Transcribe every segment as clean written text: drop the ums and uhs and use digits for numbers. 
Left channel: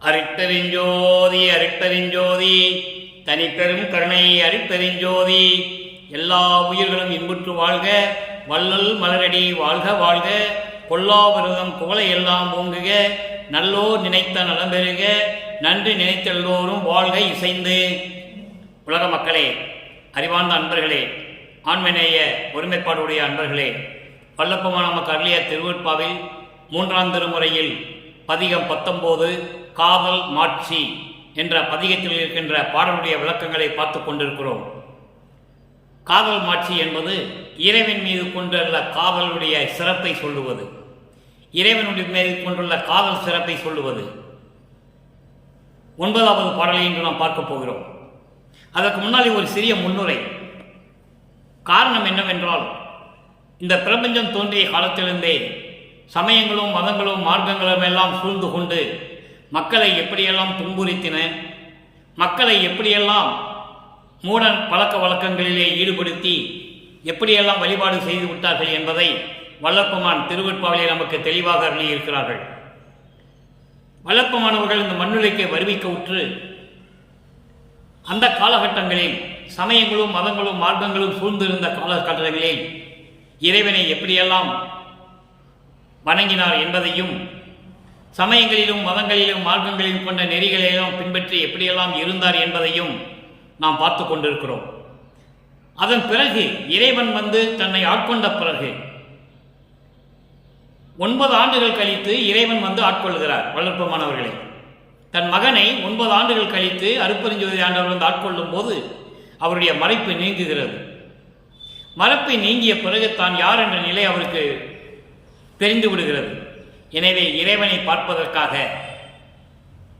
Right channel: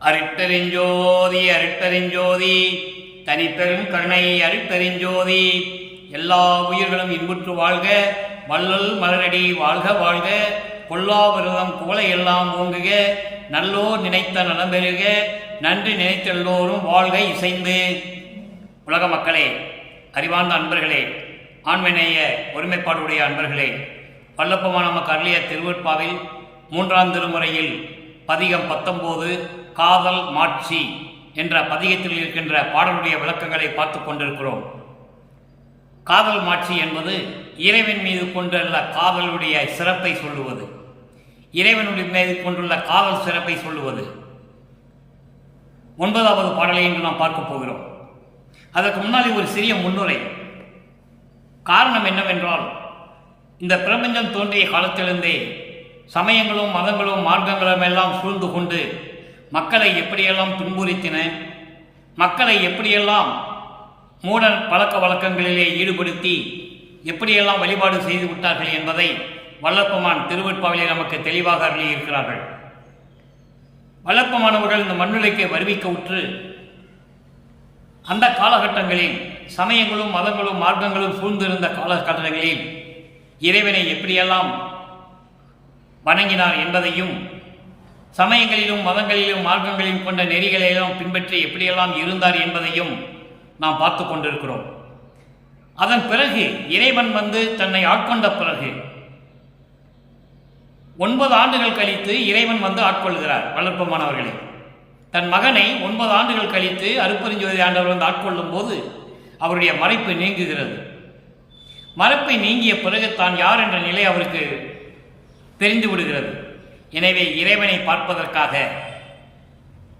அருட்பெருஞ்சோதி அருட்பெருஞ்சோதி தனிப்பெரும் கருணை அருட்பெருஞ்சோதி. எல்லா உயிர்களும் இன்புற்று வாழ்க, வள்ளல் மலரடி வாழ்க வாழ்க. கொல்லா விரதம் குவளை எல்லாம் ஓங்குக, நல்லோர் நினைத்த நலம் பெறுக, நன்றி நினைத்தெல்லோரும் வாழ்க இசைந்து. உலக மக்களே, அறிவார்ந்த அன்பர்களே, ஆண்மநேய ஒருமைப்பாடுடைய அன்பர்களே, வல்லப்பமான நமக்கு அருளிய திருவருட்பாவில் 3ஆம் திருமுறையில் பதிகம் 19 காதல் மாட்சி என்ற பதிகத்தில் இருக்கின்ற பாடலுடைய விளக்கங்களை பார்த்து கொண்டிருக்கிறோம். காதல் மாட்சி என்பது இறைவன் மீது கொண்டுள்ள காதலுடைய சிறப்பை சொல்லுவது, இறைவனுடைய மீது கொண்டுள்ள காதல் சிறப்பை சொல்லுவது. 9வது பாடலை இன்று நாம் பார்க்க போகிறோம். அதற்கு முன்னாடி ஒரு சிறிய முன்னுரை. காரணம் என்னவென்றால், இந்த பிரபஞ்சம் தோன்றிய காலத்திலிருந்தே சமயங்களும் மதங்களும் மார்க்கங்களும் எல்லாம் சூழ்ந்து கொண்டு மக்களை எப்படியெல்லாம் துன்புறுத்தின, மக்களை எப்படியெல்லாம் மூட பழக்க வழக்கங்களிலே ஈடுபடுத்தி எப்படியெல்லாம் வழிபாடு செய்து விட்டார்கள் என்பதை வல்லப்பமான் திருவருட்பாவிலே நமக்கு தெளிவாக அருளியிருக்கிறார்கள். வல்லப்பமானவர்கள் இந்த மண்ணுலைக்கு வருவிக்க உற்று அந்த காலகட்டங்களில் சமயங்களும் மதங்களும் மார்க்கங்களும் சூழ்ந்திருந்த காலகட்டங்களில் இறைவனை எப்படியெல்லாம் வணங்கினார் என்பதையும், சமயங்களிலும் மதங்களிலும் மார்க்கங்களிலும் கொண்ட நெறிகளையெல்லாம் பின்பற்றி எப்படியெல்லாம் இருந்தார் என்பதையும் நாம் பார்த்து கொண்டிருக்கிறோம். அதன் பிறகு இறைவன் தன்னை ஆட்கொண்ட பிறகு 9 ஆண்டுகள் கழித்து இறைவன் ஆட்கொள்கிறார். வளர்ப்பமானவர்களே, தன் மகனை 9 ஆண்டுகள் கழித்து அருட்பெருஞ்சோதி ஆண்டவர் ஆட்கொள்ளும் போது அவருடைய மறைப்பு நீங்குகிறது. மறைப்பை நீங்கிய பிறகு தான் யார் என்ற நிலை அவருக்கு தெரிந்து விடுகிறது. எனவே இறைவனை பார்ப்பதற்காக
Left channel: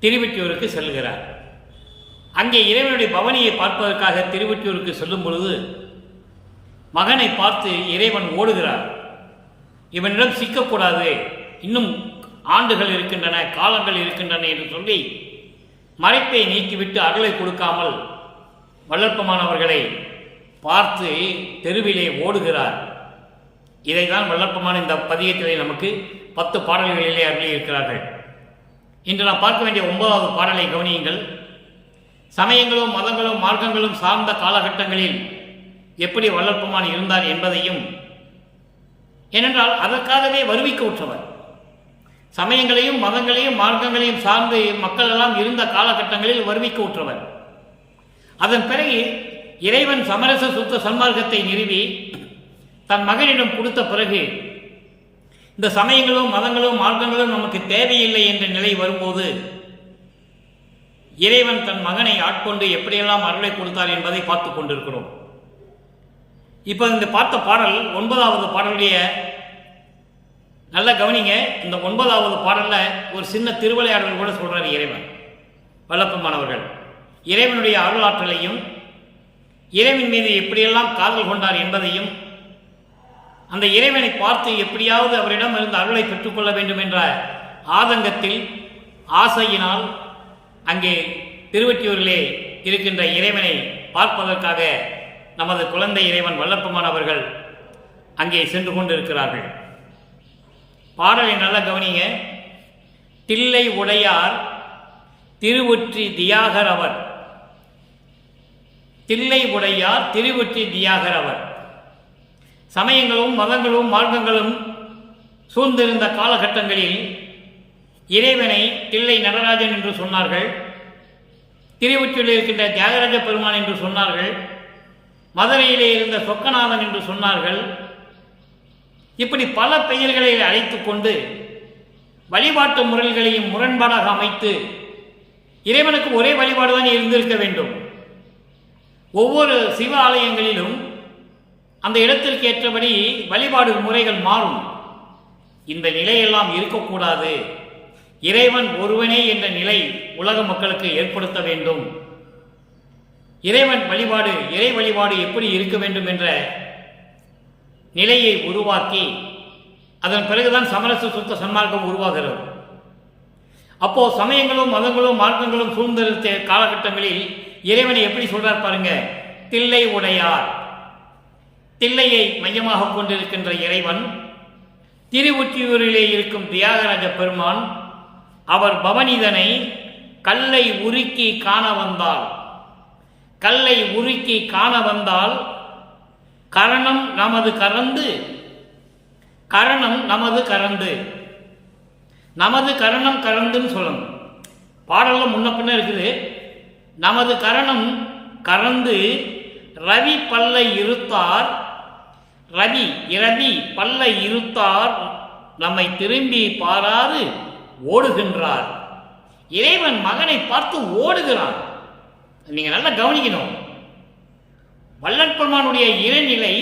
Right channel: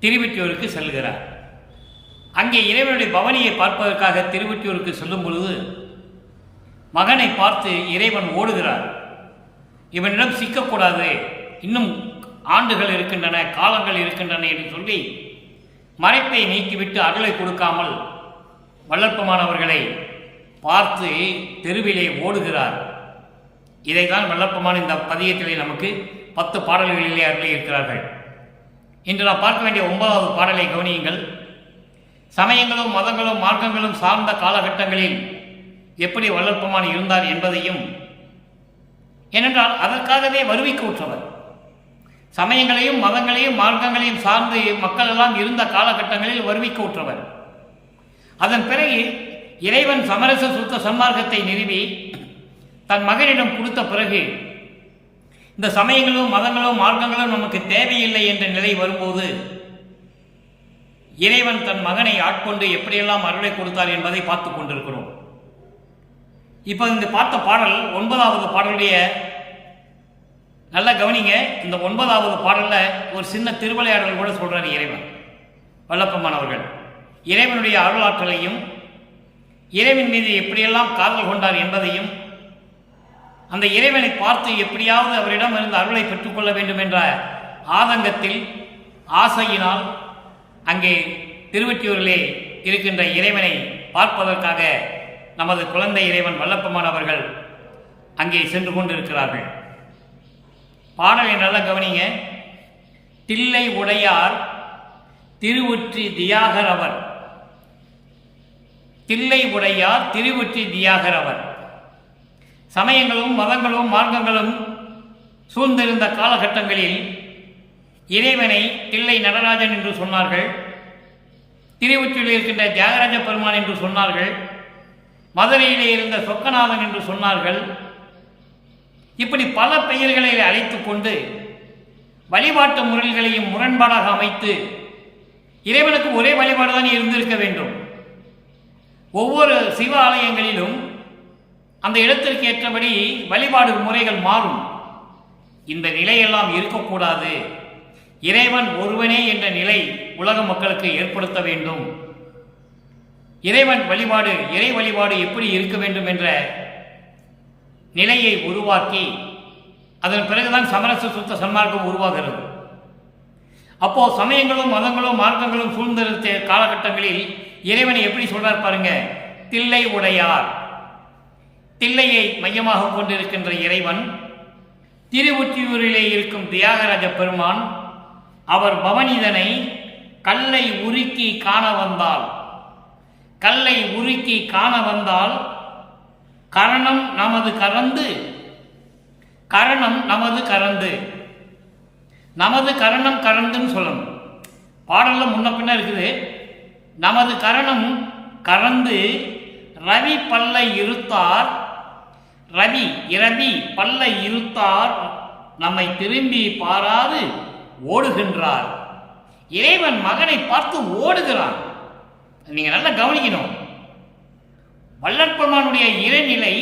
திருவொற்றியூருக்கு செல்கிறார். அங்கே இறைவனுடைய பவனியை பார்ப்பதற்காக திருவொற்றியூருக்கு செல்லும் பொழுது மகனை பார்த்து இறைவன் ஓடுகிறார். இவனிடம் சிக்கக்கூடாது, இன்னும் ஆண்டுகள் இருக்கின்றன, காலங்கள் இருக்கின்றன என்று சொல்லி மறைப்பை நீக்கிவிட்டு அருளை கொடுக்காமல் வல்லற்பமானவர்களை பார்த்து தெருவிலே ஓடுகிறார். இதைதான் வல்லப்பமான இந்த பதிகத்திலே நமக்கு 10 பாடல்களிலே அருளி இருக்கிறார்கள். இன்று நாம் பார்க்க வேண்டிய 9வது பாடலை கவனியுங்கள். சமயங்களும் மதங்களும் மார்க்கங்களும் சார்ந்த காலகட்டங்களில் எப்படி வல்லப்பமான் இருந்தார் என்பதையும், ஏனென்றால் அதற்காகவே வருவிக்க உற்றவர். சமயங்களையும் மதங்களையும் மார்க்கங்களையும் சார்ந்து மக்கள் எல்லாம் இருந்த காலகட்டங்களில் வருவிக்க உற்றவர். அதன் பிறகு இறைவன் சமரச சுத்த சன்மார்க்கத்தை நிறுவி தன் மகனிடம் கொடுத்த பிறகு இந்த சமயங்களும் மதங்களும் மார்க்கங்களும் நமக்கு தேவையில்லை என்ற நிலை வரும்போது இறைவன் தன் மகனை ஆட்கொண்டு எப்படியெல்லாம் அருளை கொடுத்தார் என்பதை பார்த்து கொண்டிருக்கிறோம். இப்போ இந்த பார்த்த பாடல் 9வது பாடலுடைய நல்ல கவனிங்க. இந்த 9வது பாடலில் ஒரு சின்ன திருவிளையாடல் கூட சொல்கிறார் இறைவன். வல்லப்பமானவர்கள் இறைவனுடைய அருளாற்றலையும் இறைவன் மீது எப்படியெல்லாம் காதல் கொண்டார் என்பதையும், அந்த இறைவனை பார்த்து எப்படியாவது அவரிடம் இருந்து அருளை பெற்றுக்கொள்ள வேண்டும் என்ற ஆதங்கத்தில் ஆசையினால் அங்கே திருவொற்றியூரிலே இருக்கின்ற இறைவனை பார்ப்பதற்காக நமது குழந்தை இறைவன் வல்லப்பமானவர்கள் அங்கே சென்று கொண்டிருக்கிறார்கள். பாடலை நல்லா கவனிங்க. தில்லை உடையார் திருவொற்றி தியாகர் அவர், தில்லை உடையார் திருவொற்றி தியாகர் அவர். சமயங்களும் மதங்களும் மார்க்கங்களும் சூழ்ந்திருந்த காலகட்டங்களில் இறைவனை தில்லை நடராஜன் என்று சொன்னார்கள், திருவொற்றியில் இருக்கின்ற தியாகராஜ பெருமான் என்று சொன்னார்கள், மதுரையிலே இருந்த சொக்கநாதன் என்று சொன்னார்கள். இப்படி பல பெயர்களை அழைத்து கொண்டு வழிபாட்டு முறைகளையும் முரண்பாடாக அமைத்து இறைவனுக்கு ஒரே வழிபாடுதான் இருந்திருக்க வேண்டும். ஒவ்வொரு சிவ ஆலயங்களிலும் அந்த இடத்திற்கு ஏற்றபடி வழிபாடு முறைகள் மாறும். இந்த நிலையெல்லாம் இருக்கக்கூடாது. இறைவன் ஒருவனே என்ற நிலை உலக மக்களுக்கு ஏற்படுத்த வேண்டும். இறைவன் வழிபாடு, இறை வழிபாடு எப்படி இருக்க வேண்டும் என்ற நிலையை உருவாக்கி அதன் பிறகுதான் சமரச சுத்த சன்மார்க்கம் உருவாகிறது. அப்போ சமயங்களும் மதங்களும் மார்க்கங்களும் சூழ்ந்திருந்த காலகட்டங்களில் இறைவனை எப்படி சொல்றார் பாருங்க. தில்லை உடையார், தில்லையை மையமாக கொண்டிருக்கின்ற இறைவன், திருவொற்றியூரிலே இருக்கும் தியாகராஜ பெருமான் அவர் பவனிதனை கல்லை உருக்கி காண வந்தால், கல்லை உருக்கி காண வந்தால் கரணம் நமது கறந்து, கரணம் நமது கறந்து, நமது கரணம் கறந்துன்னு சொல்லணும். பாடல்ல முன்ன பின்ன இருக்குது. நமது கரணம் கறந்து ரவி பல்லை இருத்தார், ரவி இரவி பல்லை இருத்தார் நம்மை திரும்பி பாராது ஓடுகின்றார். இறைவன் மகனை பார்த்து ஓடுகிறான். நீங்க நல்லா கவனிக்கணும். வள்ளற்பெருமானுடைய இறைநிலை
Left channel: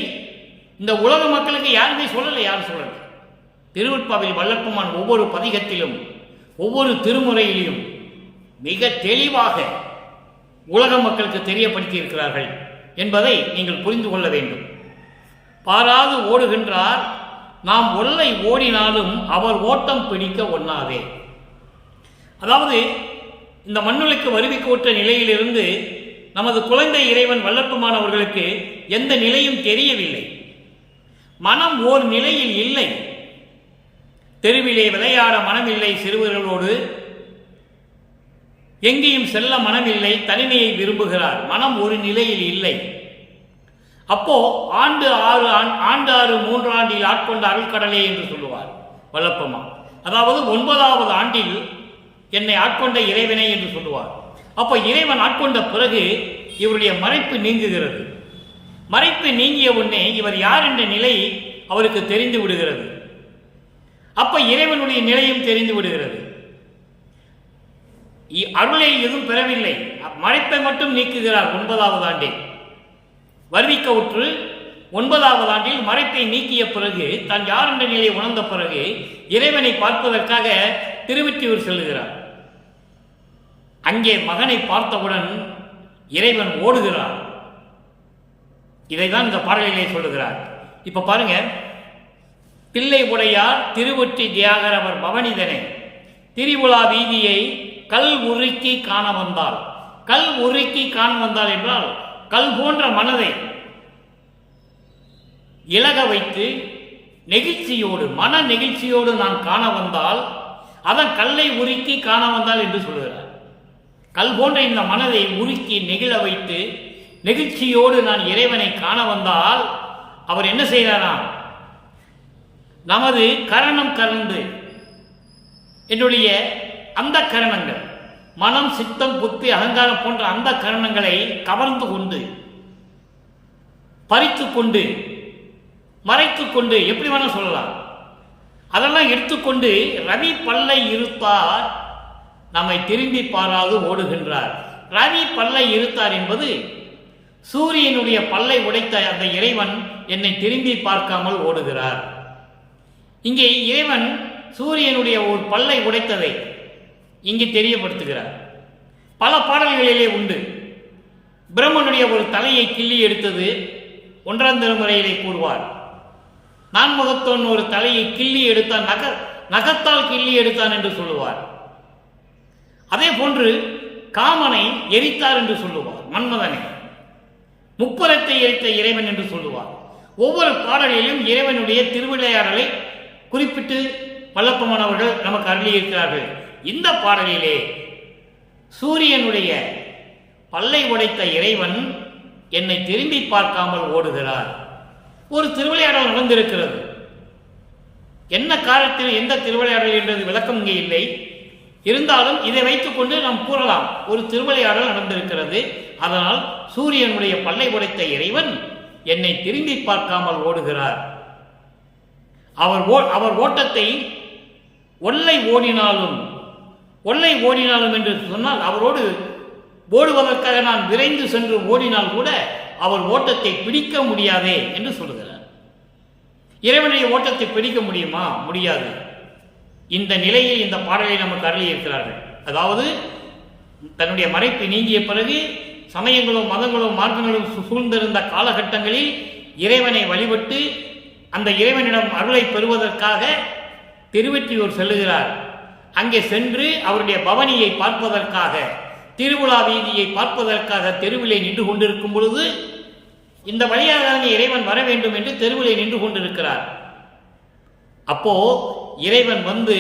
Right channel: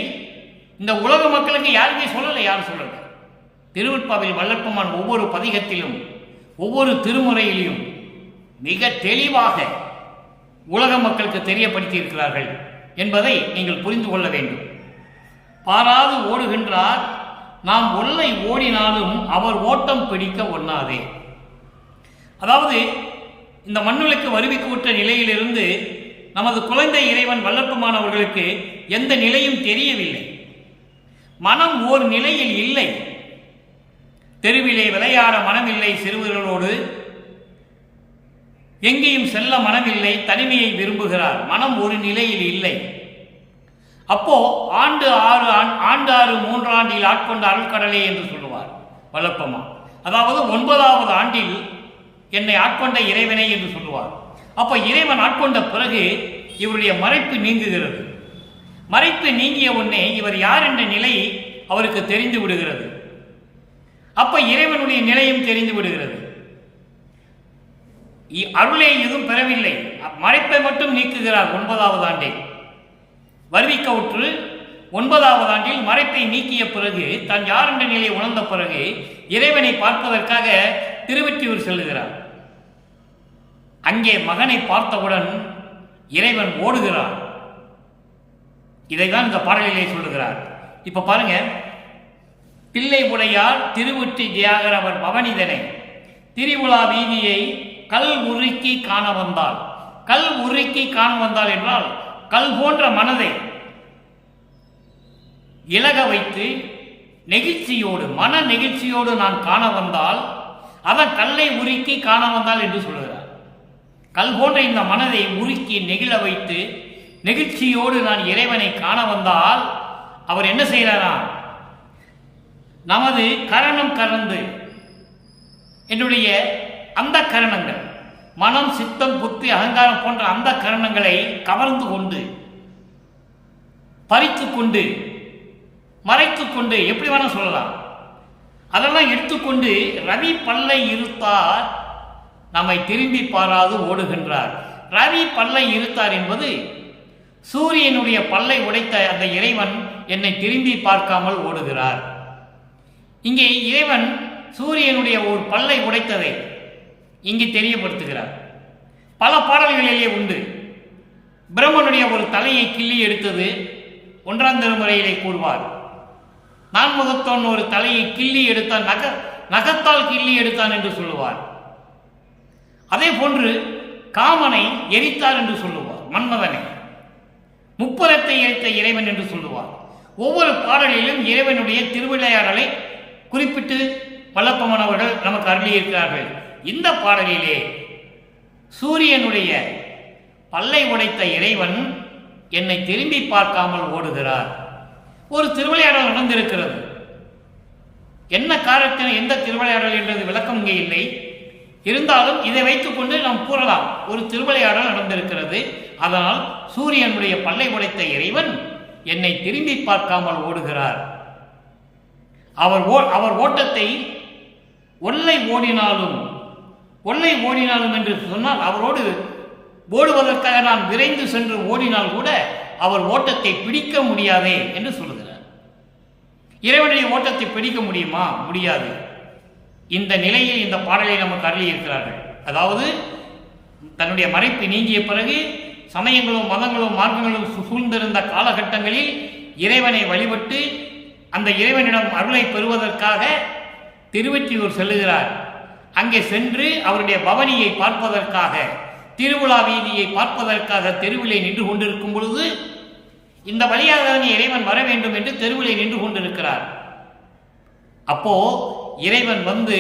இந்த உலக மக்களுக்கு யாருமே சொல்லலை. யாரும் சொல்லலை. திருவெட்பாவில் வள்ளற்பெருமான் ஒவ்வொரு பதிகத்திலும் ஒவ்வொரு திருமுறையிலும் மிக தெளிவாக உலக மக்களுக்கு தெரியப்படுத்தி இருக்கிறார்கள் என்பதை நீங்கள் புரிந்து கொள்ள வேண்டும். பாராது ஓடுகின்றார், நாம் ஒல்லை ஓடினாலும் அவர் ஓட்டம் பிடிக்க ஒண்ணாதே. அதாவது இந்த மண்ணுலக்கு வருவிக்கூற்ற நிலையிலிருந்து நமது குழந்தை இறைவன் வள்ளற்பெருமான் அவர்களுக்கு எந்த நிலையும் தெரியவில்லை. மனம் ஓர் நிலையில் இல்லை. தெருவிலே விளையாட மனமில்லை சிறுவர்களோடு, எங்கேயும் செல்ல மனமில்லை, தனிமையை விரும்புகிறார். மனம் ஒரு நிலையில் இல்லை. அப்போ ஆண்டு ஆறு 3 ஆண்டில் ஆட்கொண்ட அருள்கடலே என்று சொல்லுவார் வள்ளற்பெருமான். அதாவது 9வது ஆண்டில் என்னை ஆட்கொண்ட இறைவனை என்று சொல்லுவார். அப்போ இறைவன் ஆட்கொண்ட பிறகு இவருடைய மறைப்பு நீங்குகிறது. மறைப்பு நீங்கிய உடனே இவர் யார் என்ற நிலை அவருக்கு தெரிந்து விடுகிறது. அப்ப இறைவனுடைய நிலையும் தெரிந்து விடுகிறது. அருளை எதுவும் பெறவில்லை, மறைப்பை மட்டும் நீக்குகிறார். 9வது ஆண்டில் வருவிக்க உற்று 9வது ஆண்டில் மறைப்பை நீக்கிய பிறகு தான் யார் என்ற நிலையை உணர்ந்த பிறகு இறைவனை பார்ப்பதற்காக திருவெற்றியூர் செல்லுகிறார். அங்கே மகனை பார்த்தவுடன் இறைவன் ஓடுகிறார். இதைதான் இந்த பாடலிலே சொல்லுகிறார். இப்ப பாருங்க, பிள்ளை உடையார் திருவொற்றி தியாகர் அவர் பவனிதனை திரிபுலா வீதியை கல் உருக்கி காண வந்தால். கல் உருக்கி காண வந்தால் என்றால் கல் போன்ற மனதை இலக வைத்து நெகிழ்ச்சியோடு, மன நெகிழ்ச்சியோடு நான் காண வந்தால், அதான் கல்லை உருக்கி காண வந்தால் என்று சொல்லுகிறார். கல் போன்ற இந்த மனதை உருக்கி நெகிழ வைத்து நெகிழ்ச்சியோடு நான் இறைவனை காண வந்தால் அவர் என்ன செய்கிறாராம்? நமது கரணம் கறந்து, என்னுடைய அந்த கரணங்கள், மனம் சித்தம் புத்தி அகங்காரம் போன்ற அந்த கரணங்களை கவர்ந்து கொண்டு, பறித்து கொண்டு, மறைத்து கொண்டு, எப்படி வேணா சொல்லலாம், அதெல்லாம் எடுத்துக்கொண்டு ரவி பல்லை இருத்தார் நம்மை திரும்பி பாராது ஓடுகின்றார். ரவி பல்லை இருத்தார் என்பது சூரியனுடைய பல்லை உடைத்த அந்த இறைவன் என்னை திரும்பி பார்க்காமல் ஓடுகிறார். இங்கே இறைவன் சூரியனுடைய ஒரு பல்லை உடைத்ததை இங்கு தெரியப்படுத்துகிறார். பல பாடல்களிலே உண்டு. பிரம்மனுடைய ஒரு தலையை கிள்ளி எடுத்தது 1ஆம் திருமுறையிலே கூறுவார். நான்முகத்தோன் ஒரு தலையை கிள்ளி எடுத்தான், நகத்தால் கிள்ளி எடுத்தான் என்று சொல்லுவார். அதே போன்று காமனை எரித்தார் என்று சொல்லுவார், மன்மதனை. முப்புறத்தை எரித்த இறைவன் என்று சொல்லுவார். ஒவ்வொரு பாடலிலும் இறைவனுடைய திருவிளையாடலை குறிப்பிட்டு வள்ளற்பெருமான் அவர்கள் நமக்கு அருளியிருக்கிறார்கள். இந்த பாடலிலே சூரியனுடைய பல்லை உடைத்த இறைவன் என்னை திரும்பி பார்க்காமல் ஓடுகிறார். ஒரு திருவிளையாடல் நடந்திருக்கிறது. என்ன காரணத்தினால் எந்த திருவிளையாடல் என்றது விளக்கம் இங்கே இல்லை. இருந்தாலும் இதை வைத்துக் கொண்டு நாம் கூறலாம், ஒரு திருவிளையாடல் நடந்திருக்கிறது. அதனால் சூரியனுடைய பல்லை உடைத்த இறைவன் என்னை திரும்பி பார்க்காமல் ஓடுகிறார். அவர் ஓட்டத்தை ஒல்லை ஓடினாலும் என்று சொன்னால், அவரோடு ஓடுவதற்காக நான் விரைந்து சென்று ஓடினால் கூட அவர் ஓட்டத்தை பிடிக்க முடியாதே என்று சொல்லுகிறார். இறைவனுடைய ஓட்டத்தை பிடிக்க முடியுமா? முடியாது. இந்த நிலையில் இந்த பாடலை நமக்கு அருளி இருக்கிறார்கள். அதாவது தன்னுடைய மறைப்பு நீங்கிய பிறகு சமயங்களும் மதங்களும் மார்க்கங்களும் சூழ்ந்திருந்த காலகட்டங்களில் இறைவனை வழிபட்டு அந்த இறைவனிடம் அருளை பெறுவதற்காக திருவெற்றியூர் செல்லுகிறார். அங்கே சென்று அவருடைய பவனியை பார்ப்பதற்காக, திருவிழா வீதியை பார்ப்பதற்காக தெருவிலே நின்று கொண்டிருக்கும் பொழுது இந்த வழியாக இறைவன் வர வேண்டும் என்று தெருவிலே நின்று கொண்டிருக்கிறார். அப்போ இறைவன் வந்து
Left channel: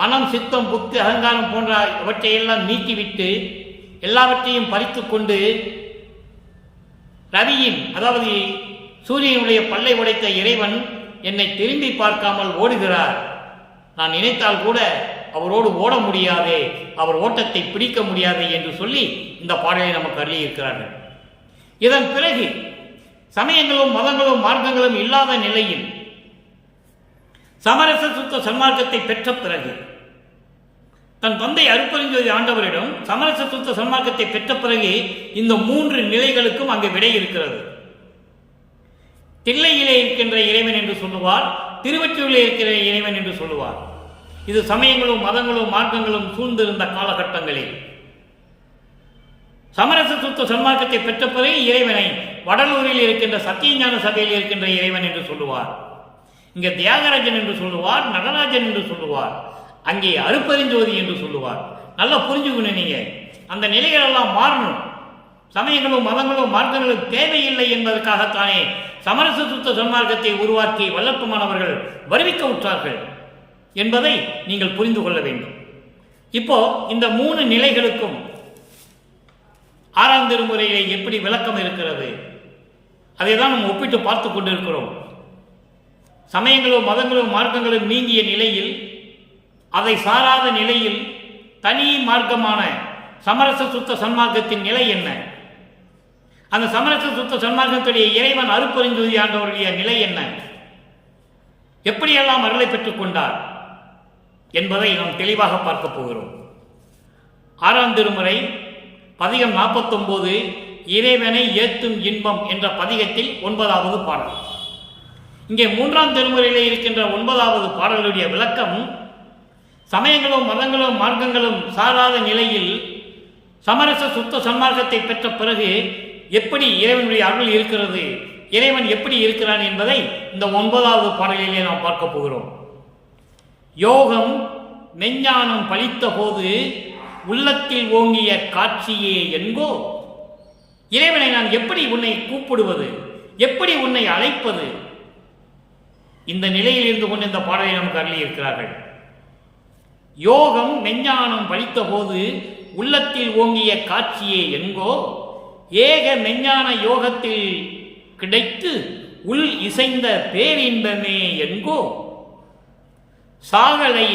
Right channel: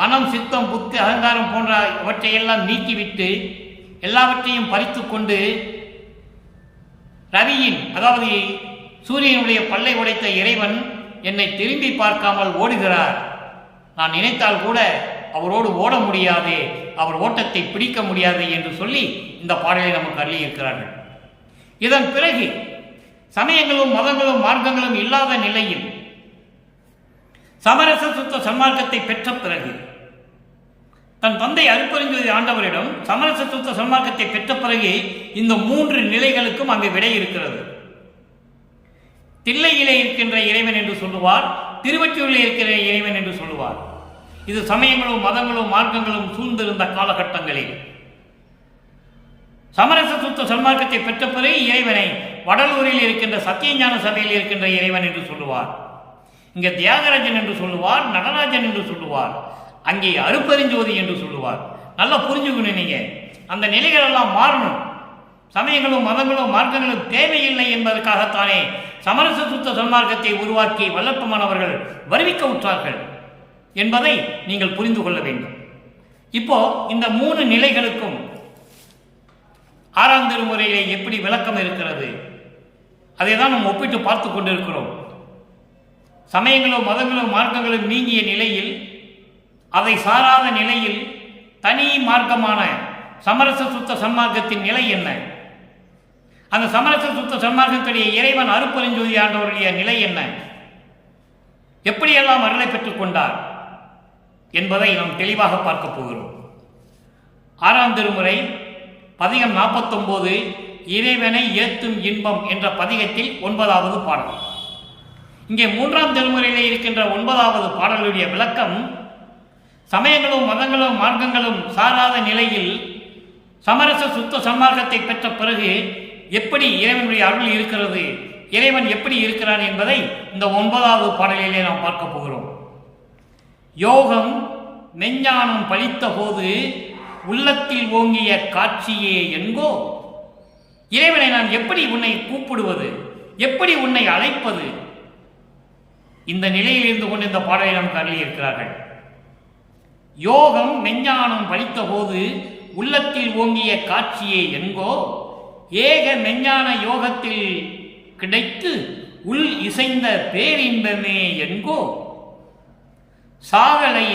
மனம், சித்தம், புத்தி, அகங்காரம் போன்றவற்றையெல்லாம் நீக்கிவிட்டு எல்லாவற்றையும் பறித்து கொண்டு ரவியின், அதாவது சூரியனுடைய பல்லை உடைத்த இறைவன் என்னை திரும்பி பார்க்காமல் ஓடுகிறார். நான் நினைத்தால் கூட அவரோடு ஓட முடியாதே, அவர் ஓட்டத்தை பிடிக்க முடியாது என்று சொல்லி இந்த பாடலை நமக்கு அருளியிருக்கிறார்கள். இதன் பிறகு சமயங்களும் மதங்களும் மார்க்கங்களும் இல்லாத நிலையில் சமரச சுத்த சன்மார்க்கத்தை பெற்ற பிறகு தன் தந்தை அருட்பெருஞ்சோதி ஆண்டவரிடம் சமரச சுத்த சன்மார்க்கத்தை பெற்ற பிறகு இந்த 3 நிலைகளுக்கும் அங்கு விடை இருக்கிறது. தில்லையிலே இருக்கின்ற இறைவன் என்று சொல்லுவார், திருவொற்றியூரிலே இருக்கிற இறைவன் என்று சொல்லுவார். இது சமயங்களும் மதங்களும் மார்க்கங்களும் சூழ்ந்திருந்த காலகட்டங்களில் சமரச சுத்த சன்மார்க்கத்தை பெற்ற பிறகு இறைவனை வடலூரில் இருக்கின்ற சத்தியஞான சபையில் இருக்கின்ற இறைவன் என்று சொல்லுவார். இங்கே தியாகராஜன் என்று சொல்லுவார், நடராஜன் என்று சொல்லுவார், அங்கே அருட்பெருஞ்சோதி என்று சொல்லுவார். நல்லா புரிஞ்சுக்கணும். நீங்க அந்த நிலைகளெல்லாம் மாறணும். சமயங்களும் மதங்களும் மார்க்கங்களும் தேவையில்லை என்பதற்காகத்தானே சமரச சுத்த சன்மார்க்கத்தை உருவாக்கி வல்லற்பமானவர்கள் வருவிக்க உற்றார்கள் என்பதை நீங்கள் புரிந்து கொள்ள வேண்டும். இப்போ இந்த 3 நிலைகளுக்கும் 6ஆம் திருமுறையிலே எப்படி விளக்கம் இருக்கிறது, அதை தான் நம்ம ஒப்பிட்டு பார்த்து கொண்டிருக்கிறோம். சமயங்களும் மதங்களும் மார்க்கங்களும் நீங்கிய நிலையில், அதை சாராத நிலையில் தனி மார்க்கமான சமரச சுத்த சன்மார்க்கத்தின் நிலை என்ன, அந்த சமரச சுத்த சன்மார்க்கத்துடைய இறைவன் அருட்பெருஞ்சோதி ஆண்டவருடைய நிலை என்ன, எப்படியெல்லாம் அருளை பெற்றுக் கொண்டார் என்பதை நாம் தெளிவாக பார்க்க போகிறோம். 6ஆம் திருமுறை பதிகம் 49 இறைவனை ஏத்தும் இன்பம் என்ற பதிகத்தில் 9வது பாடல். இங்கே 3ஆம் திருமுறையிலே இருக்கின்ற 9வது பாடலுடைய விளக்கம், சமயங்களும் மதங்களும் மார்க்கங்களும் சாராத நிலையில் சமரச சுத்த சன்மார்க்கத்தை பெற்ற பிறகு எப்படி இறைவனுடைய அருள் இருக்கிறது, இறைவன் எப்படி இருக்கிறான் என்பதை இந்த 9வது பாடலிலே நாம் பார்க்க போகிறோம். யோகம் மெஞ்ஞானம் பலித்த போது உள்ளத்தில் ஓங்கிய காட்சியே என்கோ, இறைவனை நான் எப்படி உன்னை கூப்பிடுவது, எப்படி உன்னை அழைப்பது, இந்த நிலையில் இருந்து கொண்டு இந்த பாடலை நமக்கு அருளியிருக்கிறார்கள். யோகம் மெஞ்ஞானம் பலித்த போது உள்ளத்தில் ஓங்கிய காட்சியே என்கோ, ஏக மெஞ்ஞான யோகத்தில் கிடைத்து உள் இசைந்த பேரின்பமே என்கோ, சாகலை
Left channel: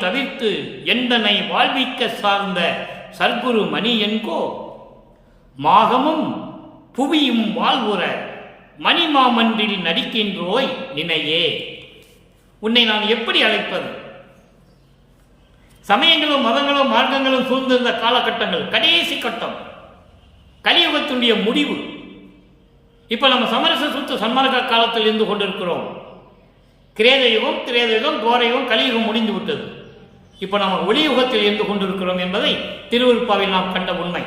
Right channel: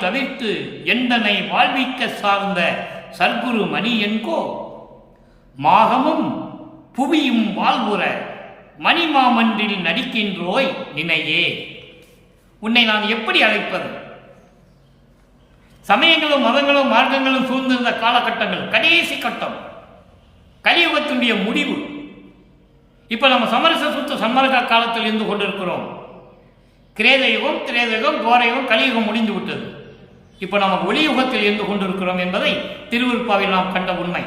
தவிர்த்து எந்தனை வாழ்விக்க சார்ந்த சர்க்குரு மணி என்கோ, மாகமும் புவியும் வாழ்வுற மணிமாமன்றில் நடிக்கின்றோய் நினையே. உன்னை நான் எப்படி அழைப்பது? சமயங்களும் மதங்களும் மார்க்கங்களும் சூழ்ந்திருந்த காலகட்டங்கள், கடைசி கட்டம், கலியுகத்தினுடைய முடிவு. இப்ப நம்ம சமரச சுத்த சன்மார்க்க காலத்தில் இருந்து கொண்டிருக்கிறோம். கிரேதயுகம், திரேதயுகம், துவாரயுகம், கலியுகம் முடிந்து விட்டது. இப்போ நம்ம ஒளியுகத்தில் இருந்து கொண்டிருக்கிறோம் என்பதை திருவருட்பாவில் நாம் கண்ட உண்மை.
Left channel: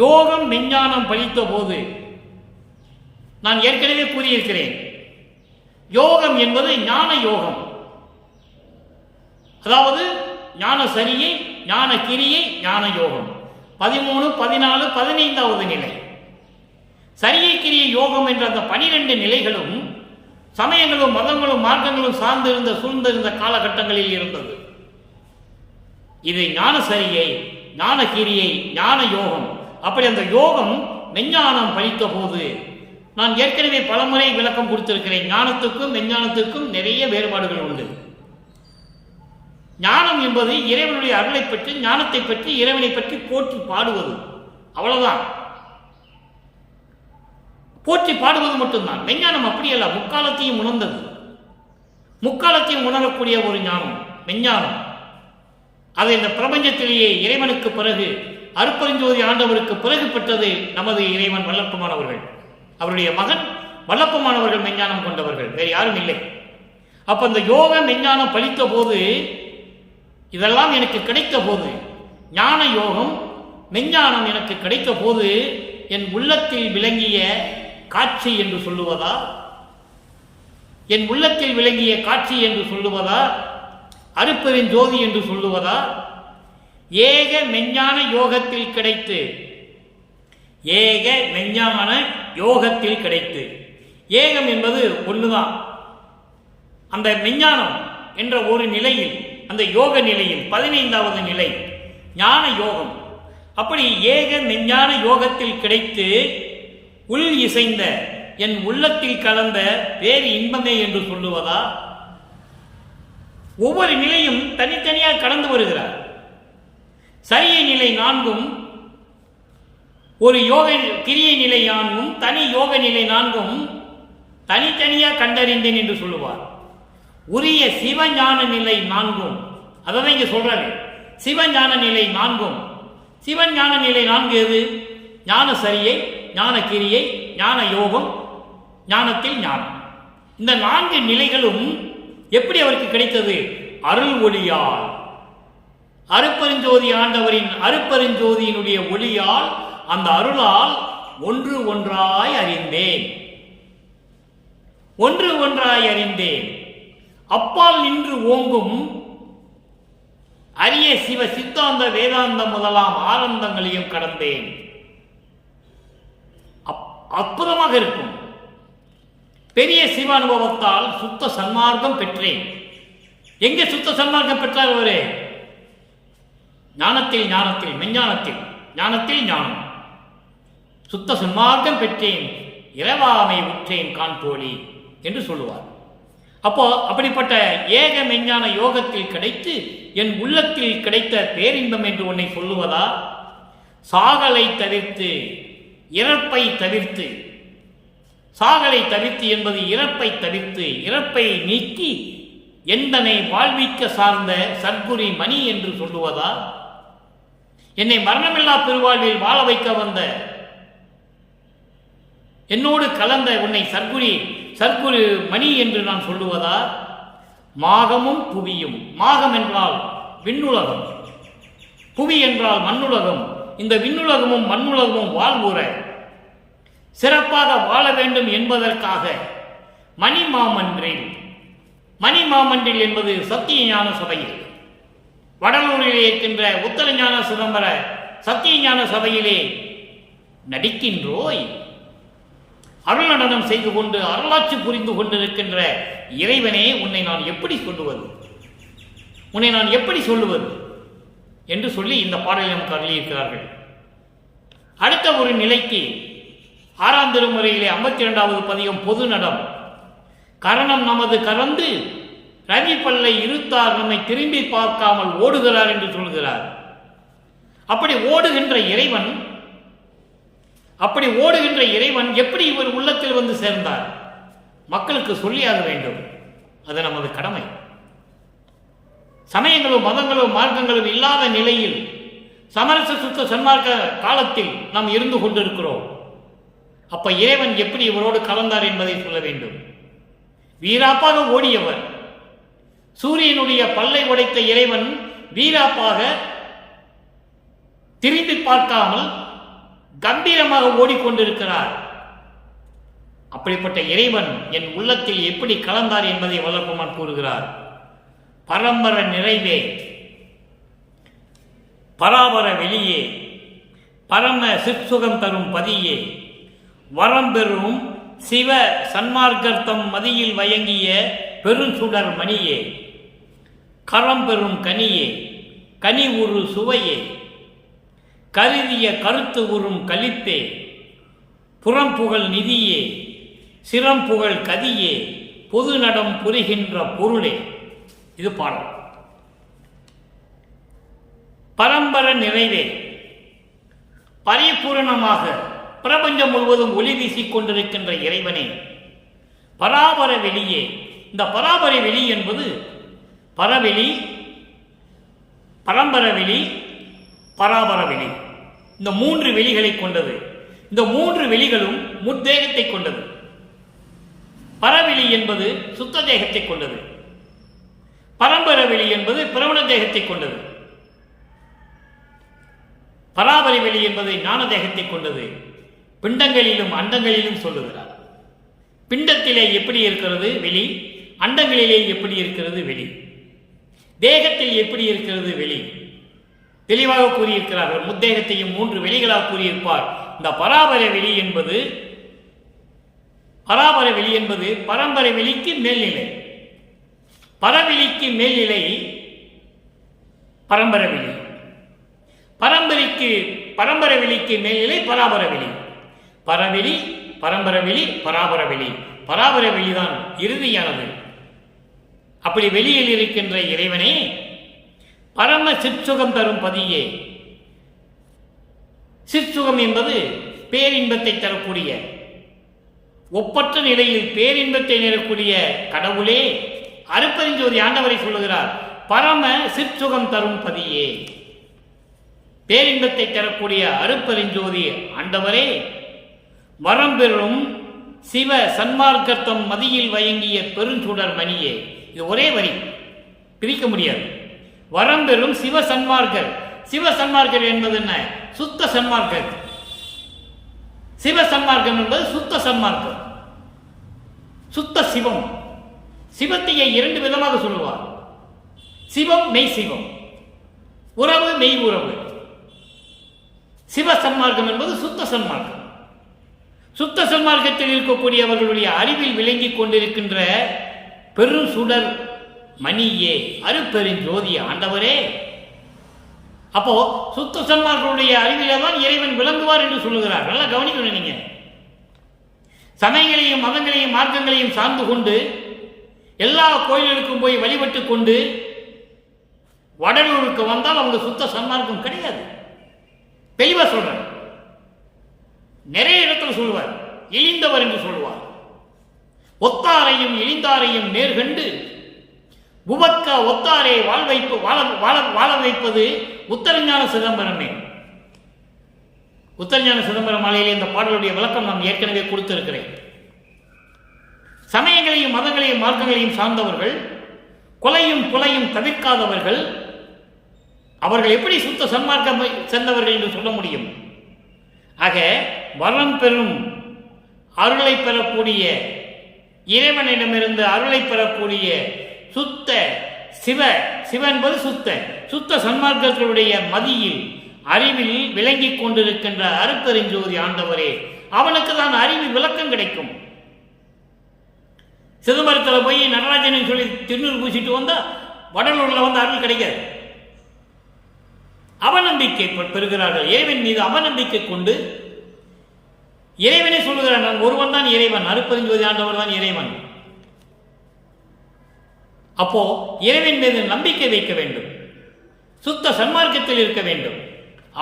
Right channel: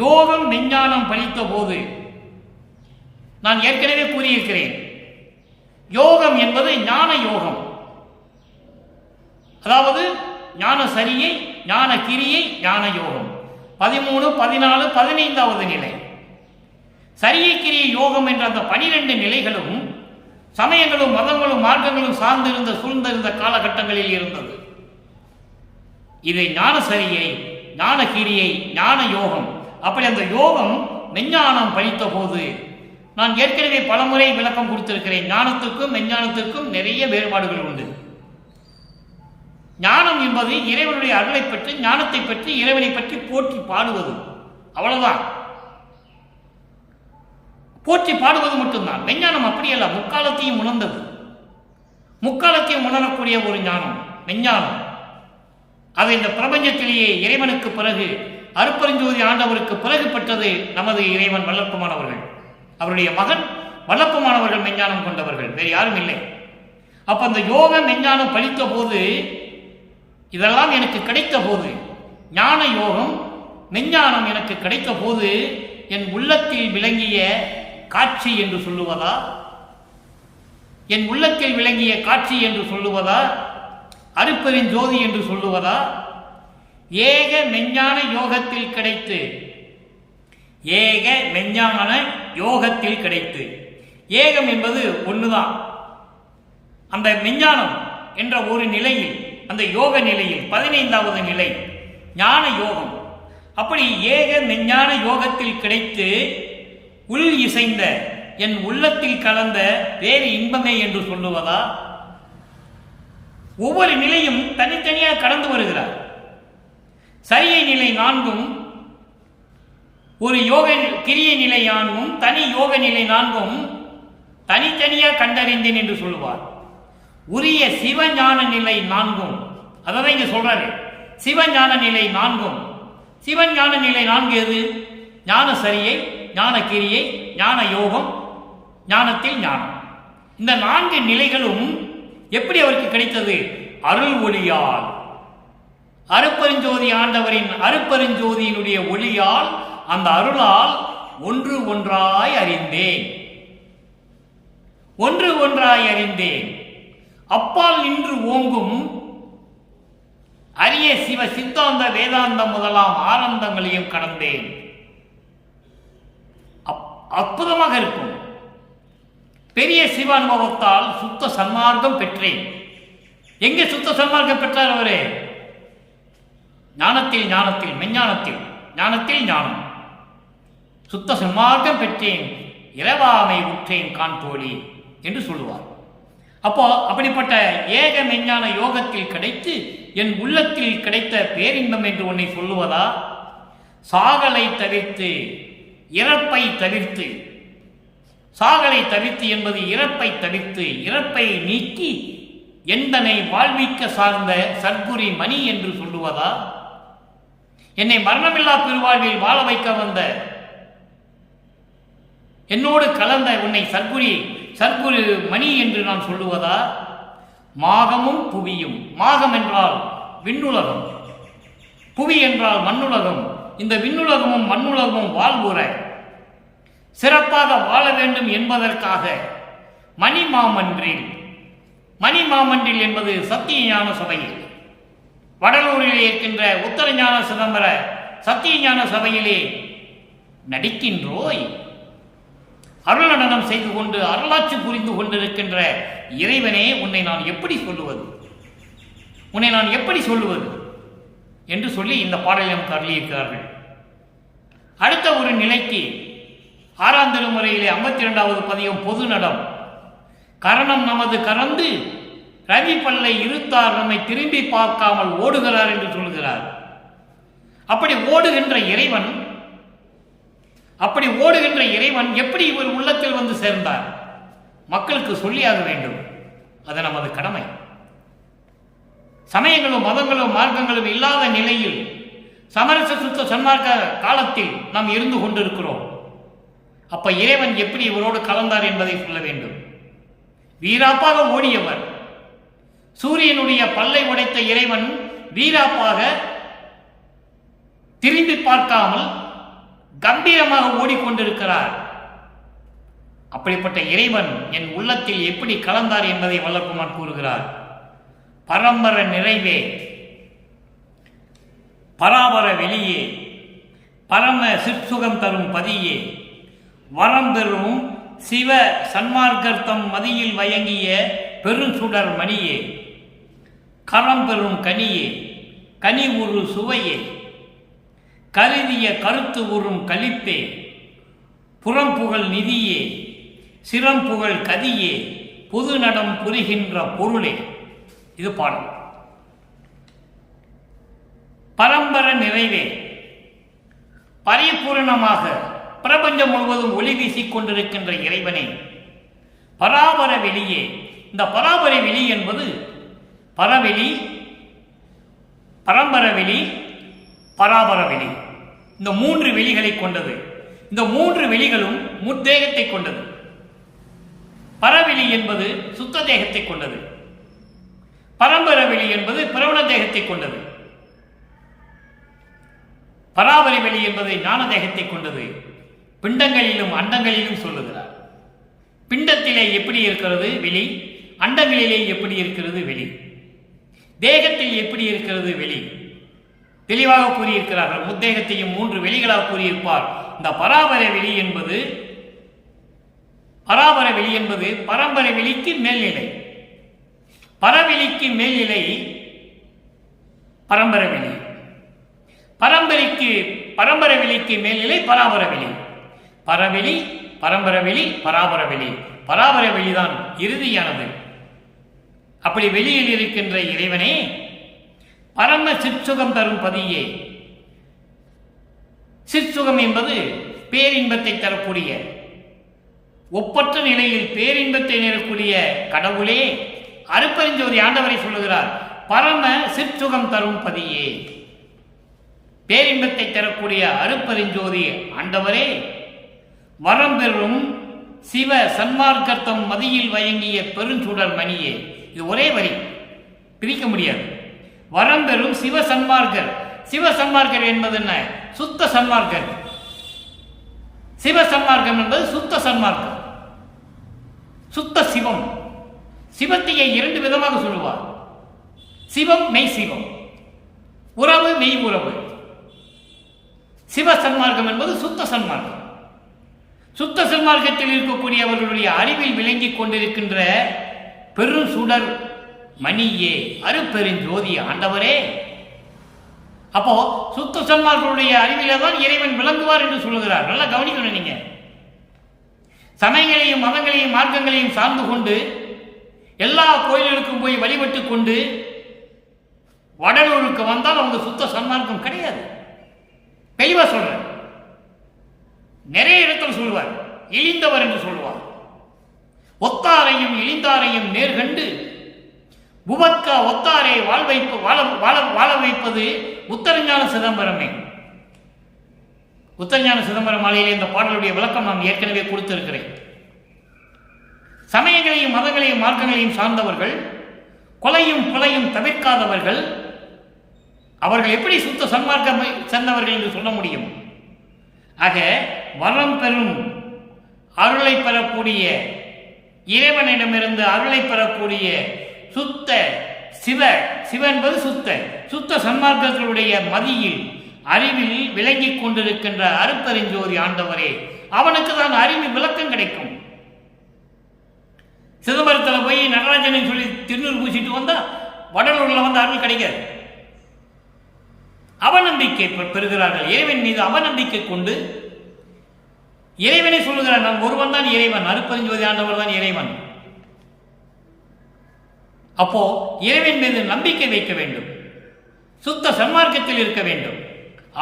யோகம் மெஞ்ஞானம் பலித்த போது நான் ஏற்கனவே கூறியிருக்கிறேன், யோகம் என்பது ஞான யோகம், அதாவது ஞான சரியை, ஞான கிரியை, ஞான யோகம். 13, 14, 15வது நிலை சரியை கிரியை யோகம் என்ற அந்த 12 நிலைகளும் சமயங்களும் மதங்களும் மார்க்கங்களும் சார்ந்திருந்த சூழ்ந்திருந்த காலகட்டங்களில் இருந்தது. இது ஞான சரியை, ஞான கிரியை, ஞான யோகம். அப்படி அந்த யோகம் மெஞ்ஞானம் பலித்த போது, நான் ஏற்கனவே பலமுறை விளக்கம் கொடுத்திருக்கிறேன், ஞானத்துக்கும் மெஞ்ஞானத்துக்கும் நிறைய வேறுபாடுகள் உண்டு. ஞானம் என்பது இறைவனுடைய அருளை பற்றி, ஞானத்தை பற்றி, இறைவனை பற்றி போற்றி பாடுவது, அவ்வளவுதான். போற்றி பாடுவது மட்டும்தான். மெஞ்ஞானம் அப்படியல்ல, முக்காலத்தையும் உணர்ந்தது, முக்காலத்தையும் உணரக்கூடிய ஒரு ஞானம் மெஞ்ஞானம். அது இந்த பிரபஞ்சத்திலேயே இறைவனுக்கு பிறகு, அருட்பெருஞ்சோதி ஆண்டவருக்கு பிறகு பெற்றது நமது இறைவன் வல்லற்பமானவர்கள். அவருடைய மகன் வல்லப்பமானவர்கள் மெஞ்ஞானம் கொண்டவர்கள், வேறு யாரும் இல்லை. அப்ப இந்த யோக மெஞ்ஞானம் பலித்த போது, இதெல்லாம் எனக்கு கிடைத்த போது, ஞான யோகம் மெஞ்ஞானம் எனக்கு கிடைத்த போது, என் உள்ளத்தில் விளங்கிய காட்சி என்று சொல்லுவதா, என் உள்ளத்தில் விளங்கிய காட்சி என்று சொல்லுவதா, அருட்பெருஞ்சோதி என்று சொல்லுவதா, ஏக மெஞ்ஞான யோகத்தில் கிடைத்து, ஏக மெஞ்ஞான யோகத்தில் கிடைத்து, ஏகம் என்பது ஒன்றுதான், அந்த மெஞ்ஞானம் என்ற ஒரு நிலையில், அந்த யோக நிலையில் 15வது நிலை ஞான யோகம். அப்படி ஏக மெஞ்ஞான யோகத்தில் கிடைத்து உள் இசைந்த என் உள்ளத்தில் கலந்த வேறு இன்பமே என்று சொல்லுவதா? ஒவ்வொரு நிலையும் தனித்தனியாக கடந்து வருகிறார். சரியை நிலை 4ம் ஒரு யோக கிரியை நிலை 4ம் தனி யோக நிலை 4ம் தனித்தனியாக கண்டறிந்தேன் என்று சொல்லுவார். உரிய சிவஞான நிலை 4ம் அதான் இங்க சொல்றாரு. சிவஞான நிலை 4ம் சிவஞான நிலை 4 எது? ஞான சரியை, ஞான கிரியை, ஞான யோகம், ஞானத்தில் ஞானம். இந்த 4 நிலைகளும் எப்படி அவருக்கு கிடைத்தது? அருள் ஒளியால், அருப்பெருஞ்சோதி ஆண்டவரின் அருப்பெருஞ்சோதியினுடைய ஒளியால், அந்த அருளால் ஒன்று ஒன்றாய் அறிந்தேன், ஒன்று ஒன்றாய் அறிந்தேன். அப்பால் நின்று ஓங்கும் அரிய சிவ சித்தாந்த வேதாந்தம் முதலாம் ஆனந்தங்களையும் கடந்தேன். அற்புதமாக இருக்கும். பெரிய சிவ அனுபவத்தால் சுத்த சன்மார்க்கம் பெற்றேன். எங்கே சுத்த சன்மார்க்கம் பெற்றார் அவரே? ஞானத்தில் ஞானத்தில், மெஞ்ஞானத்தில், ஞானத்தில் ஞானம். சுத்த சன்மார்க்கம் பெற்றேன், இரவாமை உற்றேன் காண்போலி என்று சொல்லுவார். அப்போ அப்படிப்பட்ட ஏக மெஞ்ஞான யோகத்தில் கிடைத்து என் உள்ளத்தில் கிடைத்த பேரின்பம் என்று உன்னை சொல்லுவதா? சாகலை தவிர்த்து, இறப்பை தவிர்த்து, சாகலை தவிர்த்து என்பது இறப்பை தவிர்த்து, இறப்பை நீக்கி எந்தனை வாழ்விக்க சார்ந்த சத்குரி மணி என்று சொல்லுவதா? என்னை மரணமில்லா பெருவாழ்வில் வாழ வைக்க வந்த, என்னோடு கலந்த உன்னை சத்குரு மணி என்று நான் சொல்லுவதா? மாகமும் புவியும், மாகம் என்றால் விண்ணுலகம், புவி என்றால் மண்ணுலகம். இந்த விண்ணுலகமும் மண்ணுலகமும் வாழ்வுற சிறப்பாக வாழ வேண்டும் என்பதற்காக மணிமாமன்றில், மணிமாமன்றில் என்பது சத்திய ஞான சபையில், வடலூரிலே இருக்கின்ற உத்தர ஞான சிதம்பர சத்திய ஞான சபையிலே நடிக்கின்றோய், அருள் நடனம் செய்து கொண்டு அருளாட்சி புரிந்து கொண்டிருக்கின்ற இறைவனே, உன்னை நான் எப்படி சொல்லுவது, உன்னை நான் எப்படி சொல்லுவது என்று சொல்லி இந்த பாடலை நமக்கு அருளியிருக்கிறார்கள். அடுத்த ஒரு நிலைக்கு 6ஆம் திருமுறையிலே 52வது பதிகம் பொது நடம். கரணம் நமது கறந்து ரவி பல்லை இருத்தார் நம்மை திரும்பி பார்க்காமல் ஓடுகிறார் என்று சொல்கிறார். அப்படி ஓடுகின்ற இறைவன் எப்படி இவர் உள்ளத்தில் வந்து சேர்ந்தார்? மக்களுக்கு சொல்லியாக வேண்டும். அது நமது கடமை. சமயங்களும் மதங்களும் மார்க்கங்களும் இல்லாத நிலையில் சமரச சுத்த சன்மார்க்க காலத்தில் நாம் இருந்து கொண்டிருக்கிறோம். அப்ப இறைவன் எப்படி இவரோடு கலந்தார் என்பதை சொல்ல வேண்டும். வீராப்பாக ஓடியவர், சூரியனுடைய பல்லை உடைத்த இறைவன் வீராப்பாக திரும்பி பார்க்காமல் கம்பீரமாக ஓடிக்கொண்டிருக்கிறார். அப்படிப்பட்ட இறைவன் என் உள்ளத்தில் எப்படி கலந்தார் என்பதை வல்லபெருமான் கூறுகிறார். பரம்பர நிறைவே, பராபர வெளியே, பரம சிற்சுகம் தரும் பதியே, வரம்பெறும் சிவ சன்மார்க்கர்த்தம் மதியில் வயங்கிய பெருஞ்சுடர் மணியே, கரம்பெறும் கனியே, கனி உரு சுவையே, கருதிய கருத்து உறும் கலிப்பே, புறம்புகழ் நிதியே, சிறம்புகழ் கதியே, பொது நடம் புரிகின்ற பொருளே. இது பாடல். பரம்பர நிறைவே, பரிபூரணமாக பிரபஞ்சம் முழுவதும் ஒளி வீசிக் கொண்டிருக்கின்ற இறைவனே, பராபர வெளியே. இந்த பராபர வெளி என்பது பரவெளி, பரம்பர வெளி, பராபர வெளி, இந்த 3 வெளிகளை கொண்டது. இந்த 3 வெளிகளும் முத்தேகத்தை கொண்டது. பரவெளி என்பது சுத்த தேகத்தை கொண்டது, பரம்பர வெளி என்பது பிரவண தேகத்தை கொண்டது, பராபரி வெளி என்பது ஞான தேகத்தை கொண்டது. பிண்டங்களிலும் அண்டங்களிலும் சொல்லுகிறார். பிண்டத்திலே எப்படி இருக்கிறது வெளி, அண்டங்களிலே எப்படி இருக்கிறது வெளி, தேகத்தில் எப்படி இருக்கிறது வெளி, தெளிவாக கூறியிருக்கிறார்கள். முத்தேகத்தையும் 3 வெளிகளாக கூறியிருப்பார். இந்த பராபர வெளி என்பது பரம்பரை வெளிக்கு மேல்நிலை, பரவெளிக்கு மேல்நிலை பரம்பரவெளி, பரம்பரவெளிக்கு மேல்நிலை பராபரவெளி, பரவெளி பரம்பரவெளி பராபரவெளி, பராபரவெளிதான் இறுதியானது. அப்படி வெளியில் இருக்கின்ற இறைவனே பரம சிற்சுகம் தரும் பதியே. சிற்சுகம் என்பது பேரின்பத்தை தரக்கூடிய, ஒப்பற்ற நிலையில் பேரின்பத்தை நிறக்கூடிய கடவுளே, அருட்பெருஞ்சோதி ஆண்டவரை சொல்லுகிறார், பரம சிற்சுகம் தரும் பதியே. பேரின்பத்தை தரக்கூடிய அருட்பெருஞ்சோதி ஆண்டவரே, வரம்பெறும் சிவ சன்மார்க்கத்தம் மதியில் வயங்கிய பெருஞ்சுடர் மணியே. இது ஒரே வரி, பிரிக்க முடியாது. வரம்பெறும் சிவ சன்மார்க்கர். சிவ சன்மார்க்கர் என்பது என்ன? சுத்த சன்மார்க்கர். சிவ சன்மார்க்கம் என்பது சுத்த சன்மார்க்கம், சுத்த சிவம். சிவத்தையை இரண்டு விதமாக சொல்லுவார். சிவம் மெய் சிவம், உறவு மெய் உறவு. சிவ சன்மார்க்கம் என்பது சுத்த சன்மார்க்கம். சுத்த சன்மார்க்கத்தில் இருக்கக்கூடியவர்களுடைய அறிவில் விளங்கிக் கொண்டிருக்கின்ற பெரும் சுடர் மணியே, அருட்பெருஞ்சோதி ஆண்டவரே. அப்போ சுத்த சன்மார்களுடைய அறிவிலே தான் இறைவன் விளங்குவார் என்று சொல்லுகிறார். நல்லா கவனிக்கணும். நீங்க சமயங்களையும் மதங்களையும் மார்க்கங்களையும் சார்ந்து கொண்டு எல்லா கோயில்களுக்கும் போய் வழிபட்டு கொண்டு வடலூருக்கு வந்தால் அவங்க சுத்த சன்மார்க்கம் கிடையாது. தெளிவா சொல்றேன். நிறைய இடத்துல சொல்லுவார், இழிந்தவர் என்று சொல்லுவார். ஒத்தாரையும் இழிந்தாரையும் நேர்கண்டு உவக்க ஒத்தாரை வாழ வைப்பது உத்தரஞான சிதம்பரமே. உத்தரஞான சிதம்பரம் மாலையிலே இந்த பாடலுடைய விளக்கம் நான் ஏற்கனவே கொடுத்திருக்கிறேன். சமயங்களையும் மதங்களையும் மார்க்கங்களையும் சார்ந்தவர்கள், கொலையும் புலையும் தவிர்க்காதவர்கள், அவர்கள் எப்படி சுத்த சன்மார்க்கம் சேர்ந்தவர்கள் என்று சொல்ல முடியும்? ஆக வரம் பெறும் அருளை பெறக்கூடிய, இறைவனிடமிருந்து அருளை பெறக்கூடிய சுத்த சிவ என்பது சுத்த சன்மார்க்கர்களுடைய மதியில் அறிவில் விளங்கிக் கொண்டிருக்கின்ற அருட்பெருஞ்சோதி ஆண்டவரே, அவனுக்கு தான் அறிவு விளக்கம் கிடைக்கும். சிதம்பரத்தில் போய் நடராஜன் சொல்லி திருநூறு பூசிட்டு வந்தா வடலூர்ல வந்து அருள் கிடைக்காது. அவநம்பிக்கை பெறுகிறார்கள். இறைவன் மீது அவநம்பிக்கை கொண்டு இறைவனை சொல்லுகிறார், நான் ஒருவன் தான் இறைவன், அருட்பெருஞ்சோதி ஆண்டவர் தான் இறைவன். அப்போ இறைவன் மீது நம்பிக்கை வைக்க வேண்டும், சுத்த சன்மார்க்கத்தில் இருக்க வேண்டும்.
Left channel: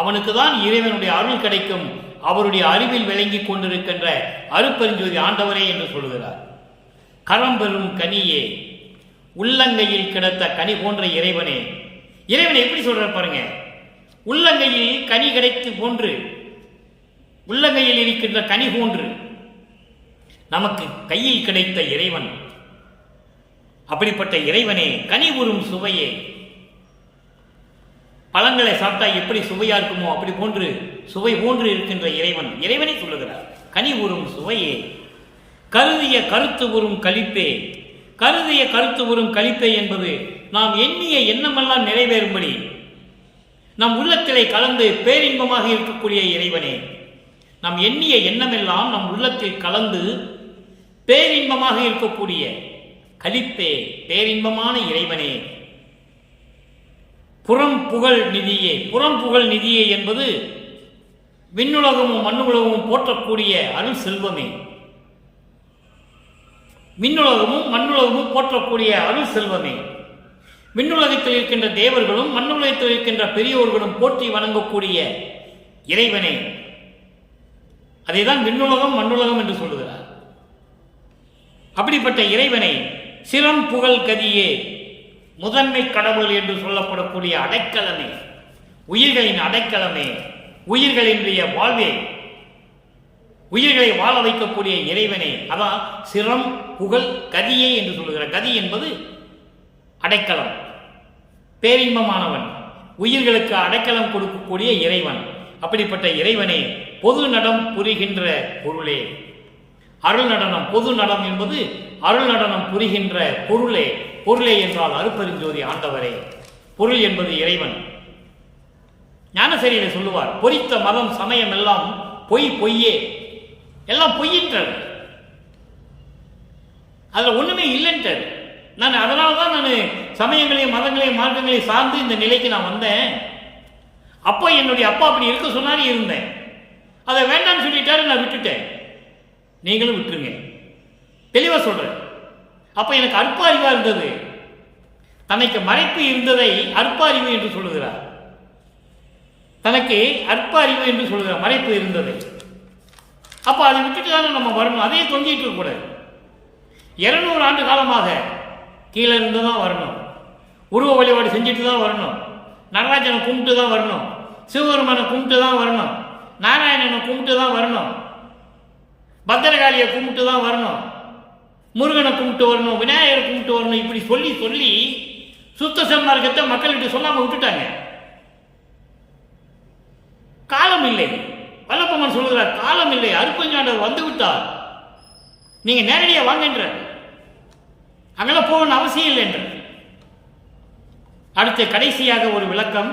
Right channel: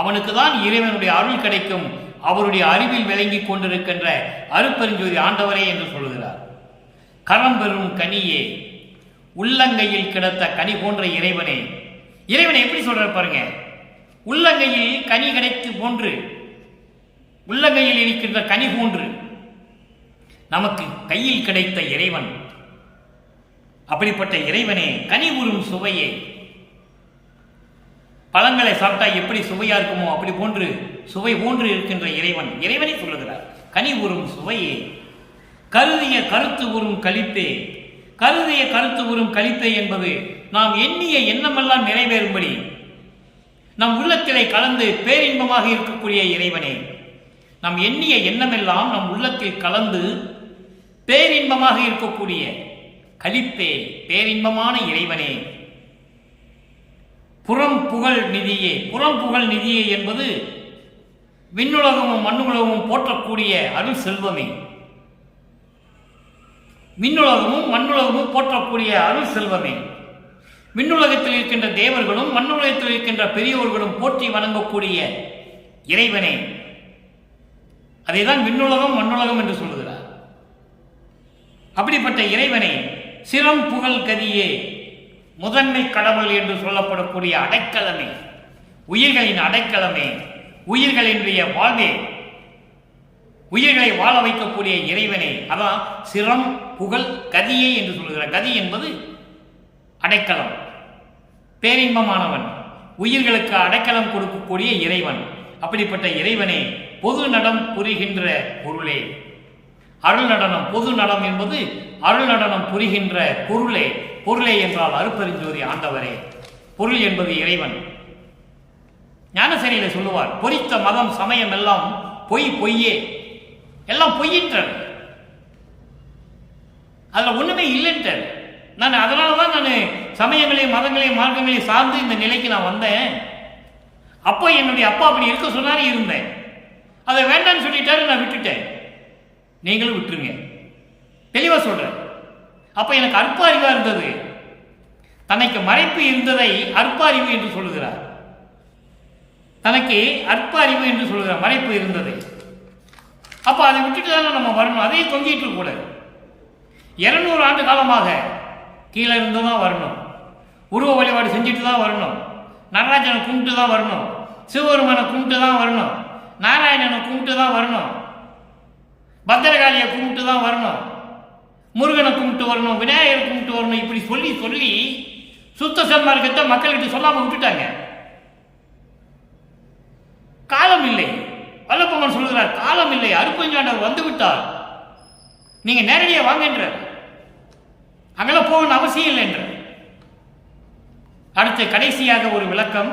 அவனுக்கு தான் இறைவனுடைய அருள் கிடைக்கும். அவருடைய அறிவில் விளங்கிக் கொண்டிருக்கின்ற அருட்பெருஞ்சோதி ஆண்டவரே என்று சொல்லுகிறார். கரம் பெறும் கனியே, உள்ளங்கையில் கிடத்த கனி போன்ற இறைவனே. இறைவனை எப்படி சொல்ற பாருங்க. உள்ளங்கையில் கனி கிடைத்து போன்று, உள்ளங்கையில் இருக்கின்ற கனி போன்று நமக்கு கையில் கிடைத்த இறைவன். அப்படிப்பட்ட இறைவனே, கனி உறும் சுவையே. பழங்களை சாப்பிட்டா எப்படி சுவையா இருக்குமோ அப்படி போன்று சுவை போன்று இருக்கின்ற இறைவன், இறைவனை சொல்லுகிறார். கனி உறும் சுவையே, கருதிய கருத்து உறும் கலிப்பே. கருதிய கருத்து உறும் கலிப்பே என்பது நாம் எண்ணிய எண்ணமெல்லாம் நிறைவேறும்படி நம் உள்ளத்திலே கலந்து பேரின்பமாக இருக்கக்கூடிய இறைவனே. நாம் எண்ணிய எண்ணமெல்லாம் நம் உள்ளத்தில் கலந்து பேரின்பமாக இருக்கக்கூடிய கலிப்பே, பேரின்பமான இறைவனே. புறம் புகழ் நிதியே. புறம் புகழ் நிதியே என்பது விண்ணுலகமும் மண்ணுலகமும் போற்றக்கூடிய அருள் செல்வமே. விண்ணுலகமும் மண்ணுலகமும் போற்றக்கூடிய அருள் செல்வமே. விண்ணுலகத்தில் இருக்கின்ற தேவர்களும் மண்ணுலகத்தில் இருக்கின்ற பெரியோர்களும் போற்றி வணங்கக்கூடிய இறைவனே. அதைதான் விண்ணுலகம் மண்ணுலகம் என்று சொல்லுகிறார். அப்படிப்பட்ட இறைவனை சிரம் புகழ் கதியே, முதன்மை கடவுள் என்று சொல்லப்படக்கூடிய அடைக்கலமே, உயிர்களின் அடைக்கலமே, உயிர்களினுடைய வாழ்வே, உயிர்களை வாழ வைக்கக்கூடிய இறைவனே. அதான் சிரம் புகழ் கதியே என்று சொல்லுகிறார். கதி என்பது அடைக்கலம், பேரின்பமானவன், உயிர்களுக்கு அடைக்கலம் கொடுக்கக்கூடிய இறைவன். அப்படிப்பட்ட இறைவனே, பொது நடம் புரிகின்ற பொருளே. அருள் நடனம், பொது நடம் என்பது அருள் நடனம் புரிகின்ற பொருளே. பொருளே என்றால் அருட்பெருஞ்சோதி ஆண்டவரே. பொருள் என்பது இறைவன். ஞானசரியில சொல்லுவார், பொறித்த மதம் சமயம் எல்லாம் பொய்யே, எல்லாம் பொய்யின்றார், அதுல ஒண்ணுமே இல்லைன்றார். நான் அதனால தான் நான் சமயங்களையும் மதங்களையும் மார்க்கங்களையும் சார்ந்து இந்த நிலைக்கு நான் வந்தேன். அப்போ என்னுடைய அப்பா அப்படி இருக்க சொன்னாரு, இருந்தேன். அதை வேண்டான்னு சொல்லிட்டாரு, நான் விட்டுட்டேன். நீங்களும் விட்டுருங்க. தெளிவாக சொல்கிறேன். அப்போ எனக்கு அற்ப அறிவாக இருந்தது. தனக்கு மறைப்பு இருந்ததை அற்ப அறிவு என்று சொல்லுகிறார். தனக்கு அற்ப அறிவு என்று சொல்லுகிறார், மறைப்பு இருந்ததை. அப்போ அதை விட்டுட்டு தானே நம்ம வரணும். அதையே தொங்கிட்டு இருக்கக்கூடாது. 200 ஆண்டு காலமாக கீழே இருந்து தான் வரணும். உருவ வழிபாடு செஞ்சுட்டு தான் வரணும். நடராஜனை கும்பிட்டு தான் வரணும். சிவபெருமானை கும்பிட்டு தான் வரணும். நாராயணனை கும்பிட்டு தான் வரணும். பத்திரகாளியை கும்பிட்டு தான் வரணும். முருகனை கும்பிட்டு வரணும். விநாயகரை கும்பிட்டு வரணும். இப்படி சொல்லி சொல்லி சுத்த சன்மார்க்கத்தை மக்கள்கிட்ட சொல்லாமல் விட்டுட்டாங்க. காலம் இல்லை. வல்லப்பம்மன் சொல்கிறார், காலம் இல்லை, அருப்பஞ்சாண்டவர் வந்து விட்டார், நீங்க நேரடியாக வாங்கன்றார். அங்கெல்லாம் போகணும் அவசியம் இல்லை என்றார். அடுத்து கடைசியாக ஒரு விளக்கம்.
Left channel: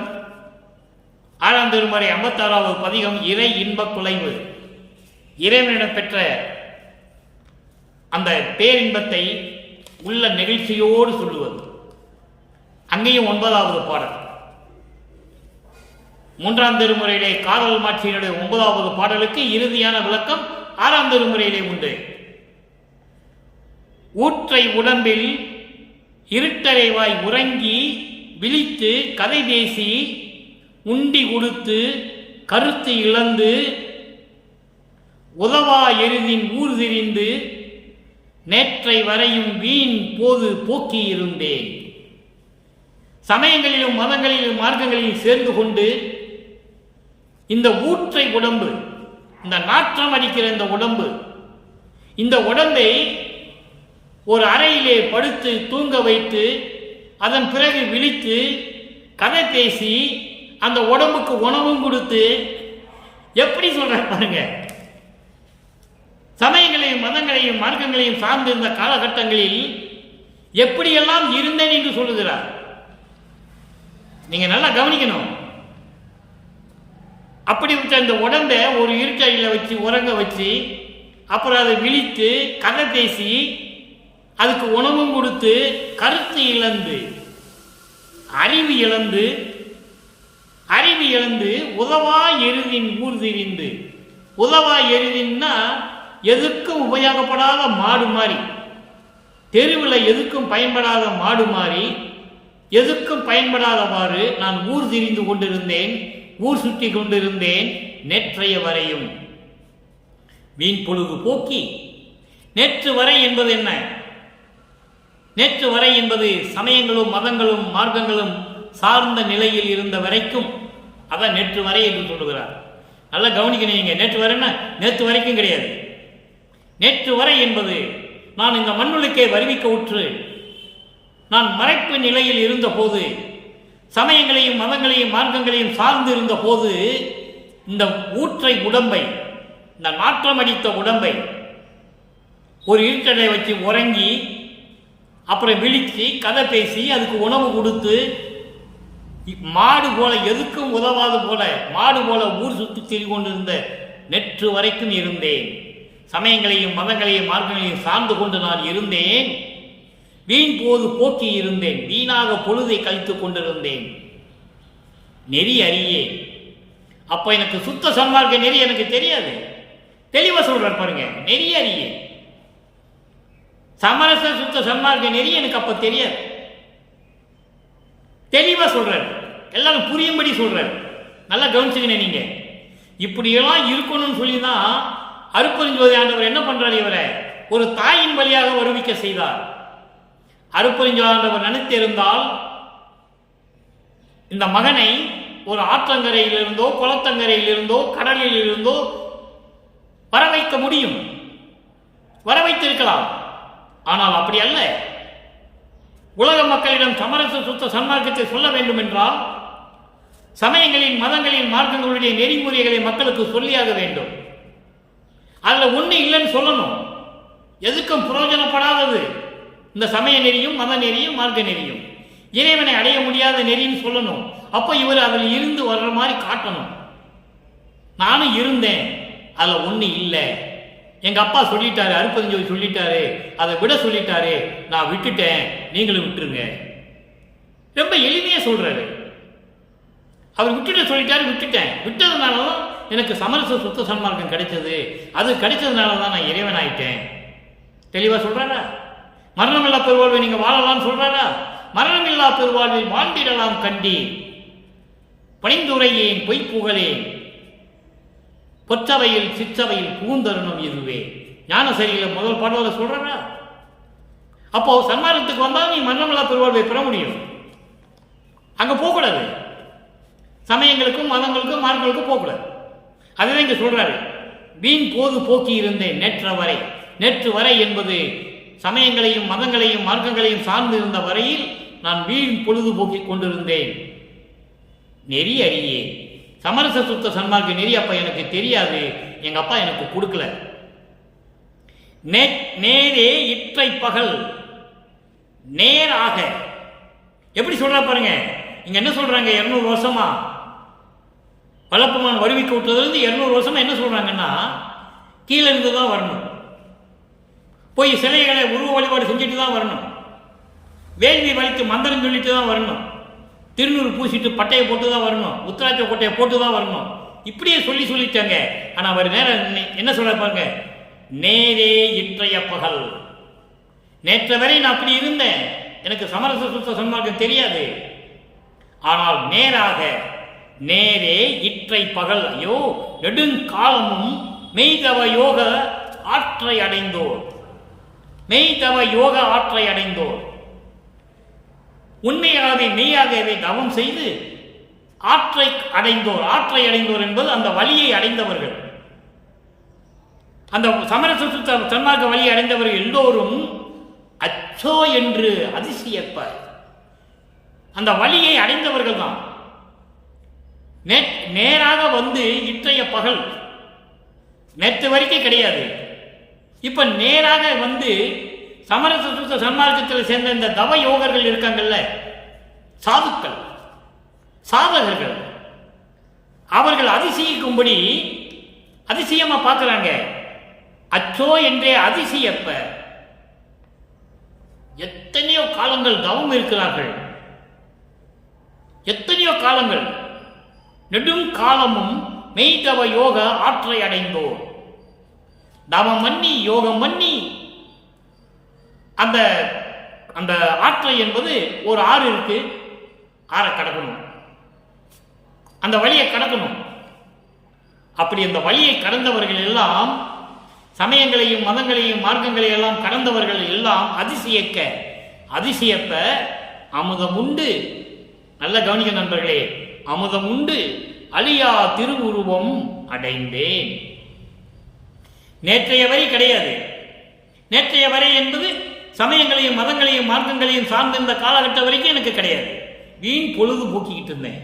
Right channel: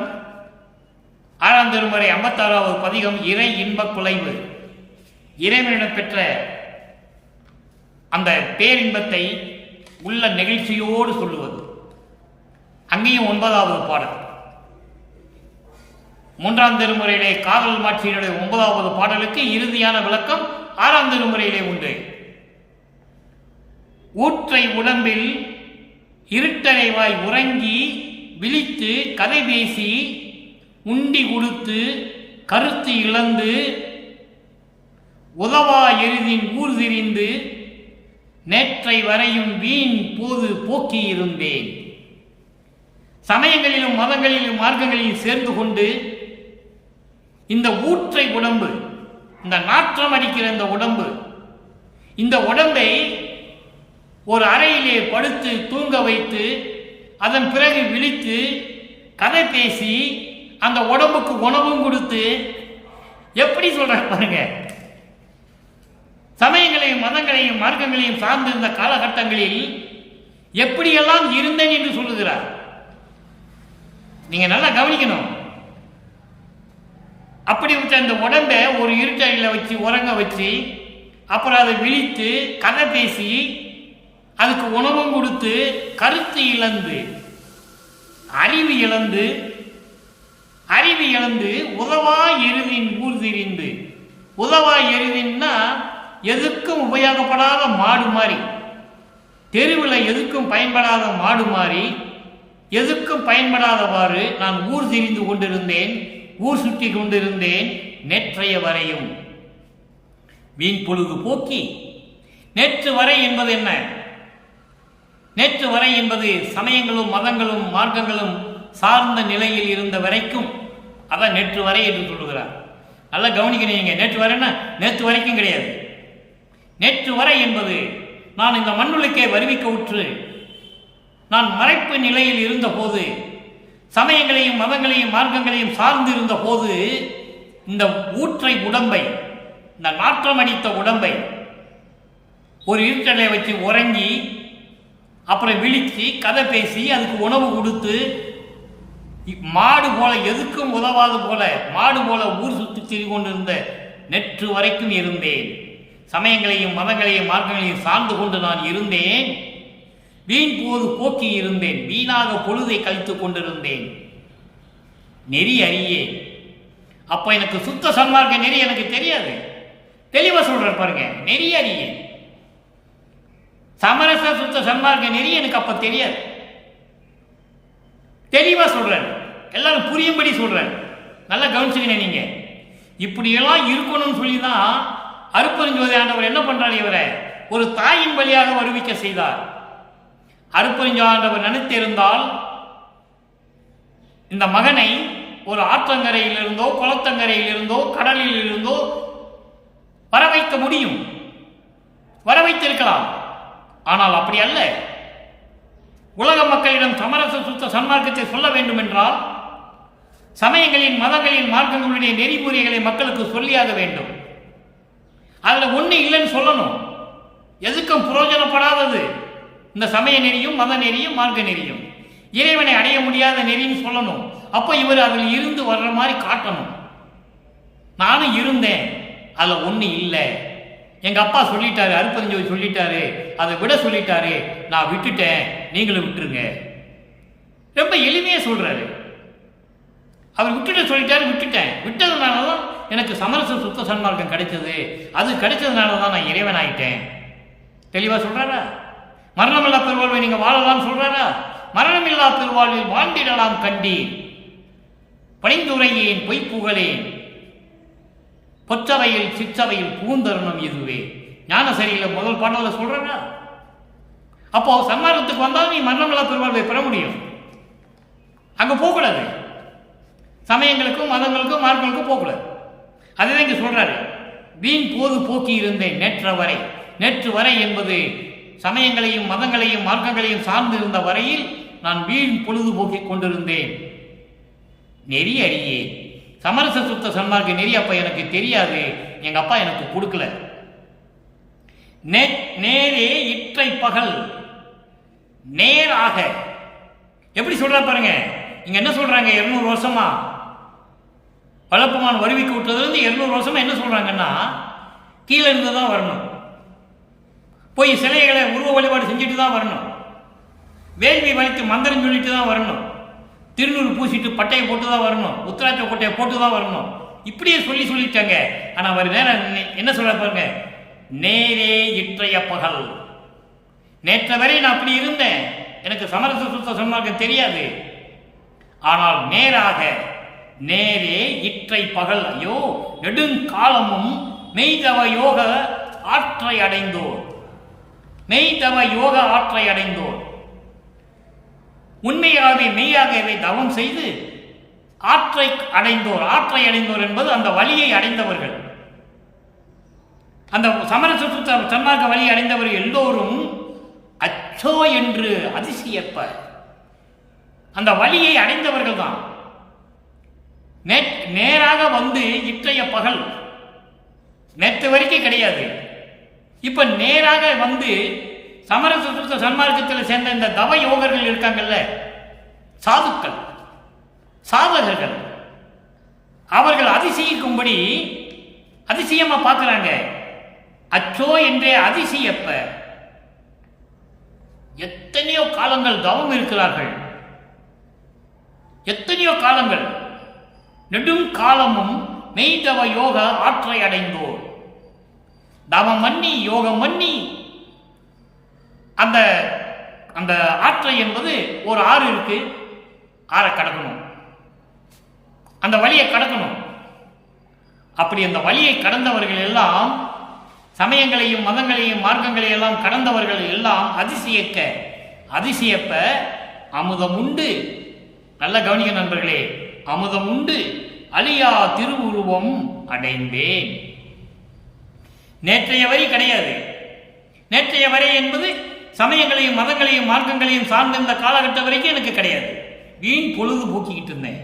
6ஆம் திருமுறை 56வது பதிகம், இறை இன்பக் குலைவு. இறைவனிடம் பெற்ற அந்த பேரின்பத்தை உள்ள நெகிழ்ச்சியோடு சொல்லுவது. அங்கேயும் 9வது பாடல். 3ஆம் திருமுறையிலே காதல் மாட்சியினுடைய 9வது பாடலுக்கு இறுதியான விளக்கம் 6ஆம் திருமுறையிலே உண்டு. ஊற்றை உடம்பில் இருட்டறைவாய் உறங்கி விழித்து கதை பேசி உண்டி கொடுத்து கருத்து இழந்து உதவா எருதின் ஊர் திரிந்து நேற்றை வரையும் வீண் போது போக்கியிருந்தேன். சமயங்களிலும் மதங்களிலும் மார்க்கங்களிலும் சேர்ந்து கொண்டு இந்த ஊற்றை உடம்பு, இந்த நாற்றம் அடிக்கிற இந்த உடம்பை ஒரு அறையிலே படுத்து தூங்க வைத்து அதன் பிறகு விழித்து கதை பேசி அந்த உடம்புக்கு உணவும் கொடுத்து, எப்படி சொல்ற பாருங்க, சமயங்களையும் மதங்களையும் மார்க்கங்களையும் சார்ந்திருந்த காலகட்டங்களில் எப்படியெல்லாம் இருந்தேன் என்று சொல்லுகிறார். நீங்க நல்லா கவனிக்கணும். அப்படிப்பட்ட இந்த உடம்பை ஒரு இருட்டறையில் வச்சு உறங்க வச்சு அப்புறம் அதை விழித்து கதை பேசி அதுக்கு உணவும் கொடுத்து கருத்து இழந்து அறிவு இழந்து உதவா எருதின் ஊர் திரிந்து. உதவா எருதின்னா எதுக்கும் உபயோகப்படாத மாடு மாதிரி, தெருவில் எதுக்கும் பயன்படாத மாடு மாதிரி, எதுக்கும் பயன்படாதவாறு நான் ஊர் திரிந்து கொண்டிருந்தேன், ஊர் சுற்றி கொண்டிருந்தேன். நேற்றைய வரையும் வீண் பொழுது போக்கி. நேற்று வரை என்பது என்ன? நேற்று வரை என்பது சமயங்களும் மதங்களும் மார்க்கங்களும் சார்ந்த நிலையில் இருந்த வரைக்கும், அதான் நேற்று வரை என்று சொல்லுகிறார். நல்லா கவனிக்கணும். நேற்று வரைன்னா நேற்று வரைக்கும் கிடையாது. நேற்று வரை என்பது நான் இந்த மண்ணுலக்கே வருவிக்க உற்று நான் மறைப்பு நிலையில் இருந்த போது, சமயங்களையும் மதங்களையும் மார்க்கங்களையும் சார்ந்து இருந்த போது, இந்த ஊற்றை உடம்பை, இந்த நாற்றம் அடித்த உடம்பை ஒரு இருட்டடை வச்சு உறங்கி அப்புறம் விழித்து கதை பேசி அதுக்கு உணவு கொடுத்து மாடு போல, எதுக்கும் உதவாது போல மாடு போல ஊர் சுற்றி திரிந்து கொண்டிருந்த நேற்று வரைக்கும் இருந்தேன். சமயங்களையும் மதங்களையும் மார்க்கங்களையும் சார்ந்து கொண்டு நான் இருந்தேன். வீண் போது போக்கி இருந்தேன், வீணாக பொழுதை கழித்து கொண்டிருந்தேன். நெறி அறியே. அப்போ எனக்கு சுத்த சன்மார்க்க நெறி எனக்கு தெரியாது. தெளிவாக சொல்றார் பாருங்க, நெறி அறியே. சமரச சுத்த சன்மார்க்க நெறி எனக்கு அப்ப தெரியாது. தெளிவா சொல்றாரு, எல்லாரும் புரியும்படி சொல்றாரு. நல்லா கவனிச்சுக்கணும். நீங்க இப்படியெல்லாம் இருக்கணும்னு சொல்லிதான் அருட்பெருஞ்சோதி ஆண்டவர் என்ன பண்றாரு, இவரை ஒரு தாயின் வழியாக வருவிக்க செய்தார். அருட்பெருஞ்சோதி ஆண்டவர் நினைத்திருந்தால் இந்த மகனை ஒரு ஆற்றங்கரையிலிருந்தோ குளத்தங்கரையிலிருந்தோ கடலில் இருந்தோ வர வைக்க முடியும், வர வைத்திருக்கலாம். ஆனால் அப்படி அல்ல. உலக மக்களிடம் சமரச சுத்த சன்மார்க்கத்தை சொல்ல வேண்டும் என்றால் சமயங்களின் மதங்களின் மார்க்கங்களுடைய நெறிமுறைகளை மக்களுக்கு சொல்லியாக வேண்டும். அதில் ஒன்று இல்லைன்னு சொல்லணும். எதுக்கும் புரோஜனப்படாதது இந்த சமய நெறியும் மத நெறியும் மார்க்க நெறியும், இறைவனை அடைய முடியாத நெறின்னு சொல்லணும். அப்போ இவர் அதில் இருந்து வர்ற மாதிரி காட்டணும். நானும் இருந்தேன், அதில் ஒன்று இல்லை. எங்கள் அப்பா சொல்லிட்டாரு, அருட்பெருஞ்சோதி சொல்லிட்டாரு, அதை விட சொல்லிட்டாரு, நான் விட்டுட்டேன், நீங்களும் விட்டுருங்க. ரொம்ப எளிமையாக சொல்கிறாரு. அவர் விட்டுட்டு சொல்லிட்டாரு, விட்டுட்டேன். விட்டதுனால தான் எனக்கு சமரச சுத்த சன்மார்க்கம் கிடைச்சது. அது கிடைச்சதுனால தான் நான் இறைவன் ஆயிட்டேன். தெளிவாக சொல்கிறாரா? மரணமில்லா பெருவாழ்வை நீங்கள் வாழலாம்னு சொல்கிறாரா? மரணமில்லா பெருவாழ்வில் வாழ்ந்திடலாம் கண்டீர், பணிந்துரையேன் பொய்ப்புகளேன், பொற்றவையில் சிற்றவையில் பூந்தருணம் இதுவே. ஞானசரியில முதல் பாடலில் சொல்கிறாரா? அப்போ சன்மார்க்கத்துக்கு வந்தால் நீ மரணமில்லா பெருவாழ்வை பெற முடியும். அங்கே போகக்கூடாது. சமயங்களுக்கும் மதங்களுக்கும் மார்க்களுக்கும் போகக்கூடாது. அதுதான் இங்கே சொல்றாரு. வீண் போது போக்கி இருந்தேன் நேற்று வரை என்பது சமயங்களையும் மதங்களையும் மார்க்கங்களையும் சார்ந்து இருந்த வரையில் நான் வீண் பொழுதுபோக்கி கொண்டிருந்தேன். நெறி அறியே, சமரச சுத்த சன்மார்க்க நெறி அப்ப எனக்கு தெரியாது, எங்க அப்பா எனக்கு கொடுக்கல. நேரே இற்றை பகல் நேராக எப்படி சொல்றா பாருங்க. இங்க என்ன சொல்றாங்க? 200 வருஷமா வளப்பமான் வருவிக்க விட்டதுலேருந்து 200 வருஷமா என்ன சொல்றாங்கன்னா, கீழே இருந்து தான் வரணும், போய் சிலைகளை உருவ வழிபாடு செஞ்சுட்டு தான் வரணும், வேள்வி வலிக்கு மந்திரம் சொல்லிட்டு தான் வரணும், திருநூறு பூசிட்டு பட்டையை போட்டு தான் வரணும், உத்தராட்ச கொட்டையை போட்டு தான் வரணும். இப்படியே சொல்லிட்டாங்க. ஆனால் அவர் நேரம் என்ன சொல்ற பாருங்க. நேரே இற்றைய பகல், நேற்று வரை நான் அப்படி இருந்தேன், எனக்கு சமரச சுத்த சன்மார்க்கம் தெரியாது. ஆனால் நேரே இற்றை பகல், ஐயோ நெடுங்காலமும் மெய்தவ யோக ஆற்றை அடைந்தோர், உண்மையாகவே மெய்யாகவே தவம் செய்து ஆற்றை அடைந்தோர் என்பது அந்த வழியை அடைந்தவர்கள். அந்த சமரச சுத்த சன்மார்க்க வழியை அடைந்தவர்கள் எல்லோரும் அச்சோ என்று அதிசயப்ப அந்த வழியை அடைந்தவர்கள் தான். நேராக வந்து இற்றைய பகல், நேற்று வரைக்கும் கிடையாது, இப்ப நேராக வந்து சமரச சுத்த சன்மார்க்கத்தில் சேர்ந்த இந்த தவ யோகர்கள் இருக்காங்கல்ல, சாதுக்கள் சாதகர்கள், அவர்கள் அதிசயிக்கும்படி அதிசயமா பார்க்கிறாங்க. அச்சோ என்றே அதிசயப்ப எத்தனையோ காலங்கள் தவம் இருக்கிறார்கள், எத்தனையோ காலங்கள், நெடும் காலமும் மெய்தவ யோக ஆற்றை அடைந்தோர். தவம் பண்ணி யோகம் பண்ணி அந்த அந்த ஆற்றை என்பது ஒரு ஆறு இருக்கு, ஆறை கடக்கணும், அந்த வழியை கடக்கணும். அப்படி அந்த வழியை கடந்தவர்கள் எல்லாம், சமயங்களையும் மதங்களையும் மார்க்கங்களையும் எல்லாம் கடந்தவர்கள் எல்லாம் அதிசயப்ப அமுதம் உண்டு. நல்ல கவனிக்க நண்பர்களே, அமுதம் உண்டு அழியா திருவுருவம் அடைந்தேன். நேற்றைய வரி கிடையாது. நேற்றைய வரை என்பது சமயங்களையும் மதங்களையும் மார்க்கங்களையும் சார்ந்த இந்த காலகட்டம் வரைக்கும் எனக்கு கிடையாது. வீண் பொழுது போக்கிக்கிட்டு இருந்தேன்.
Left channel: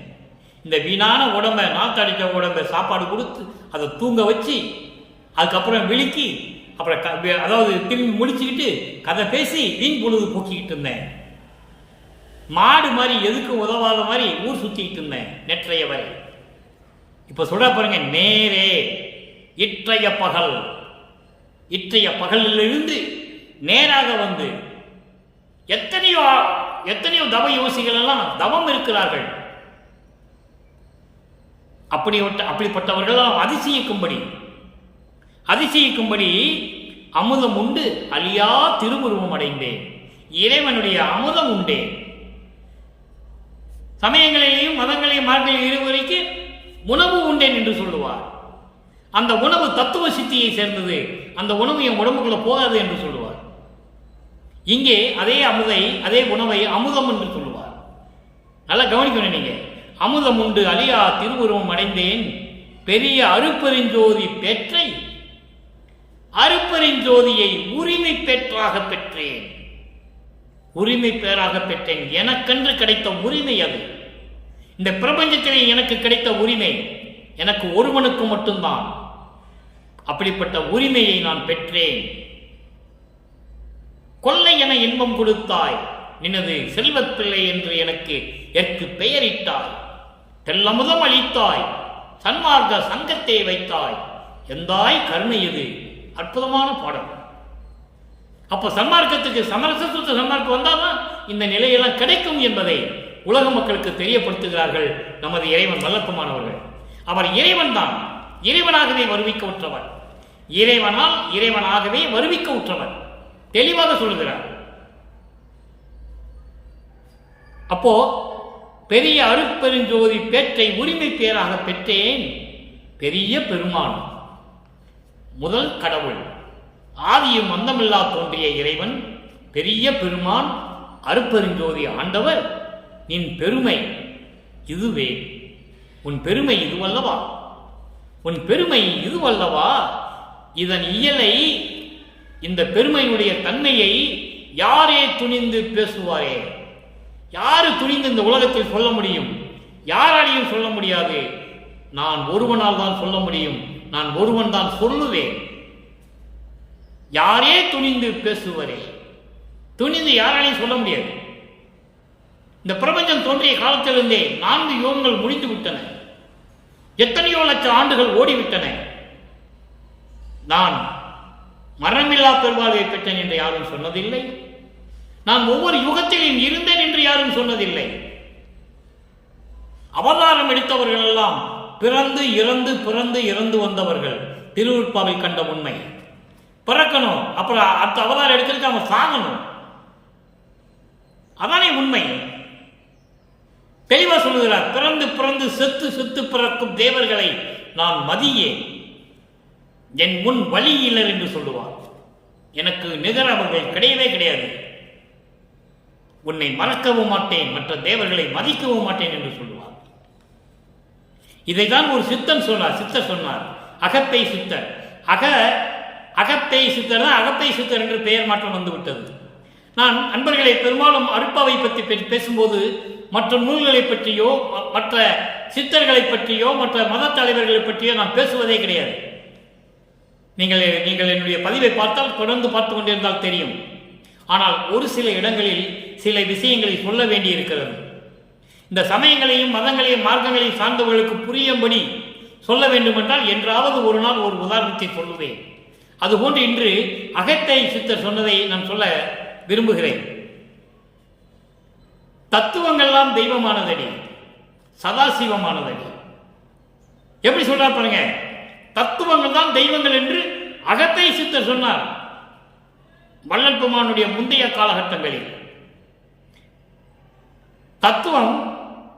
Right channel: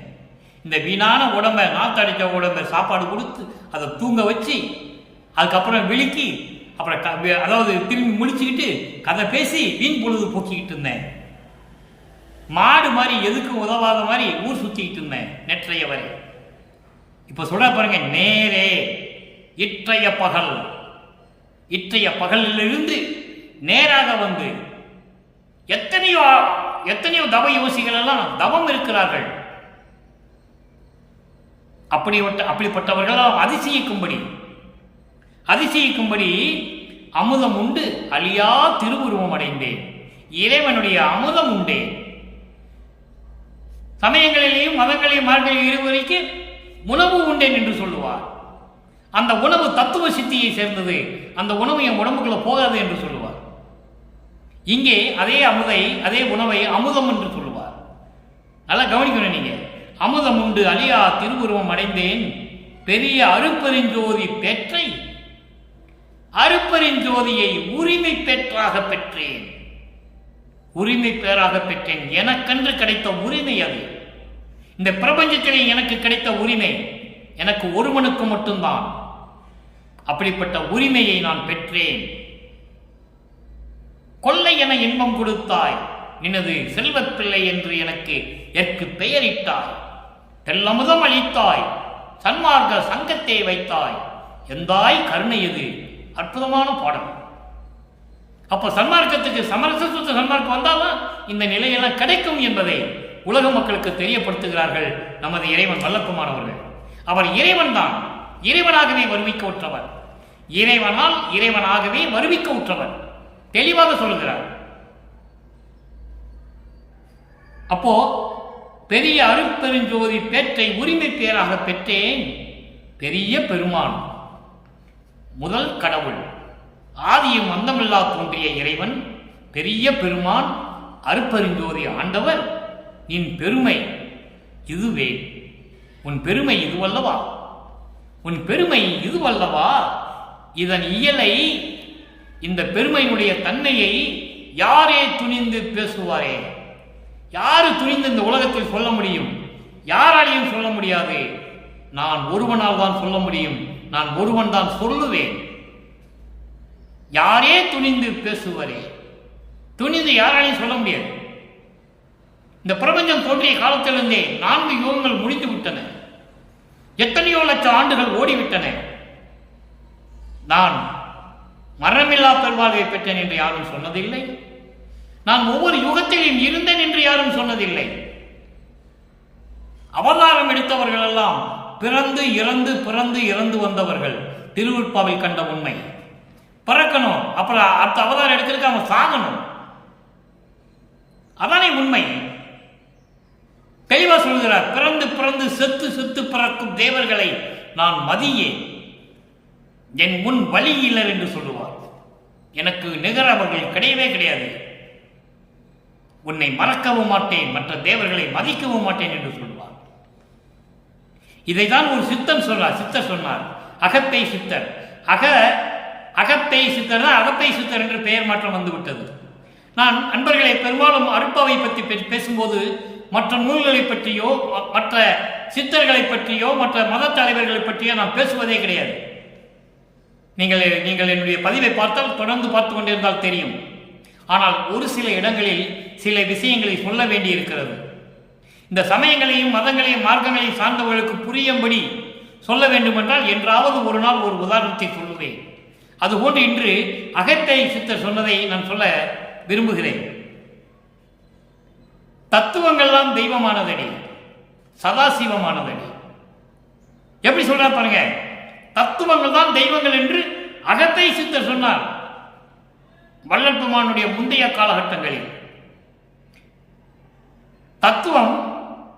இந்த வீணான உடம்பை, நாத்தடிச்ச உடம்பை சாப்பாடு கொடுத்து அதை தூங்க வச்சு அதுக்கப்புறம் விழுக்கி அப்புறம் அதாவது திரும்பி முடிச்சுக்கிட்டு கதை பேசி வீண் பொழுது போக்கிக்கிட்டு இருந்தேன். மாடு மாதிரி எதுக்கும் உதவாத மாதிரி ஊர் சுத்திக்கிட்டு இருந்தேன் நேற்றைய வரை. இப்ப சொல்ற பாருங்க, நேரே இற்றைய பகலிலிருந்து நேராக வந்து எத்தனையோ தவ யோசிகள் எல்லாம் தவம் இருக்கிறார்கள். அப்படிப்பட்டவர்களாம் அதிசயிக்கும்படி அமுதம் உண்டு அழியா திருவுருவம் அடைந்தேன். இறைவனுடைய அமுதம் உண்டே. சமயங்களிலேயும் மதங்களையும் மார்க்கங்களையும் இருவரைக்கு உணவு உண்டேன் என்று சொல்லுவார். அந்த உணவு தத்துவ சித்தியை சேர்ந்தது, அந்த உணவு என் உடம்புக்குள்ள போகாது என்று சொல்லுவார். இங்கே அதே உணவை அமுதம் என்று சொல்லுவார். நல்லா கவனிக்கணும் நீங்க. அமுதம் உண்டு அழியா திருவுருவம் அடைந்தேன், பெரிய அருப்பெருஞ்சோதி பெற்றை அருப்பெருஞ்சோதியை உரிமை பெற்றாக பெற்றேன். உரிமை பேராக பெற்றேன். எனக்கென்று கிடைத்த உரிமை அது. இந்த பிரபஞ்சத்திலே எனக்கு கிடைத்த உரிமை எனக்கு ஒருவனுக்கு மட்டும்தான். அப்படிப்பட்ட உரிமையை நான் பெற்றேன். கொள்ளை என இன்பம் கொடுத்தாய், நினது செல்வத் பிள்ளை என்று எனக்கு பெயரிட்டாய். தெல்லமுதம் அளித்தாய், சன்மார்க்க சங்கத்தை வைத்தாய், எந்தாய் கருணை. இது அற்புதமான பாடல். அப்போ சன்மார்க்கத்துக்கு சமரச சுத்த சன்மார்க்கம் வந்தால்தான் இந்த நிலையெல்லாம் கிடைக்கும் என்பதை உலக மக்களுக்கு தெரியப்படுத்துகிறார்கள் நமது இறைவன் வல்லப்பமானவர்கள். அவர் இறைவன் தான், இறைவனாகவே வருவிக்க உற்றவர், இறைவனால் இறைவனாகவே வருவிக்க உற்றவர், தெளிவாக சொல்கிறார். அப்போ பெரிய அருட்பெருஞ்சோதி பேற்றை உரிமை பேராக பெற்றேன், பெரிய பெருமான், முதல் கடவுள், ஆதியும் அந்தமில்லா தோன்றிய இறைவன், பெரிய பெருமான், அருட்பெருஞ்சோதி ஆண்டவர், நின் பெருமை இதுவே, உன் பெருமை இதுவல்லவா, உன் பெருமை இதுவல்லவா, இதன் இயலை, இந்த பெருமையினுடைய தன்மையை யாரே துணிந்து பேசுவாரே, யாரு துணிந்து இந்த உலகத்தில் சொல்ல முடியும்? யாராலையும் சொல்ல முடியாது. நான் ஒருவனால் தான் சொல்ல முடியும், நான் ஒருவன் தான் சொல்லுவேன். யாரே துணிந்து பேசுவரே, துணிந்து யாராலையும் சொல்ல முடியாது. இந்த பிரபஞ்சம் தோன்றிய காலத்திலிருந்தே 4 யுகங்கள் முடிந்து விட்டன, எத்தனையோ லட்சம் ஆண்டுகள் ஓடிவிட்டன. நான் மரணமில்லா பெருவாழ்வை பெற்றேன் என்று யாரும் சொன்னதில்லை. நான் ஒவ்வொரு யுகத்திலும் இருந்தேன் என்று யாரும் சொன்னதில்லை. அவதாரம் எடுத்தவர்கள் எல்லாம் பிறந்து இறந்து பிறந்து இறந்து வந்தவர்கள். திருவுற்பாவில் கண்ட உண்மை. பிறக்கணும், அப்புறம் அடுத்த அவதாரம் எடுக்கிறதுக்கு அவன் சாகணும், அதானே உண்மை. தெளிவா சொல்கிறார், பிறந்து பிறந்து செத்து செத்து பிறக்கும் தேவர்களை நான் மதியே, என் முன் வழியிலர் என்று சொல்லுவார். எனக்கு நிகர் அவர்கள் கிடையவே கிடையாது. உன்னை மறக்கவும் மாட்டேன், மற்ற தேவர்களை மதிக்கவும் மாட்டேன் என்று சொல்லுவார். இதைதான் ஒரு சித்தன் சொன்னார். சித்தர் சொன்னார், அகப்பை சித்தர். அகப்பை சித்தர் தான் அகப்பை சித்தர் என்று பெயர் மாற்றம் வந்துவிட்டது. நான் அன்பர்களை பெரும்பாலும் அருட்பாவை பற்றி பேசும்போது மற்ற நூல்களை பற்றியோ மற்ற சித்தர்களை பற்றியோ மற்ற மத தலைவர்களை பற்றியோ நான் பேசுவதே கிடையாது. நீங்கள் என்னுடைய பதிவை பார்த்தால் தொடர்ந்து பார்த்து கொண்டிருந்தால் தெரியும். ஆனால் ஒரு சில இடங்களில் சில விஷயங்களை சொல்ல வேண்டி இருக்கிறது. இந்த சமயங்களையும் மதங்களையும் மார்க்கங்களையும் சார்ந்தவர்களுக்கு புரியும்படி சொல்ல வேண்டுமென்றால் என்றாவது ஒரு நாள் ஒரு உதாரணத்தை சொல்லுவேன். அதுபோன்று இன்று அகத்தை சித்தர் சொன்னதை நான் சொல்ல விரும்புகிறேன். தத்துவங்கள்லாம் தெய்வமானதடி, சதாசிவமானதடி. எப்படி சொல்றார் பாருங்க, தத்துவங்கள் தான் தெய்வங்கள் என்று அகத்தை சித்தர் சொன்னார். வள்ளல் பெருமானுடைய முந்தைய காலகட்டங்களில்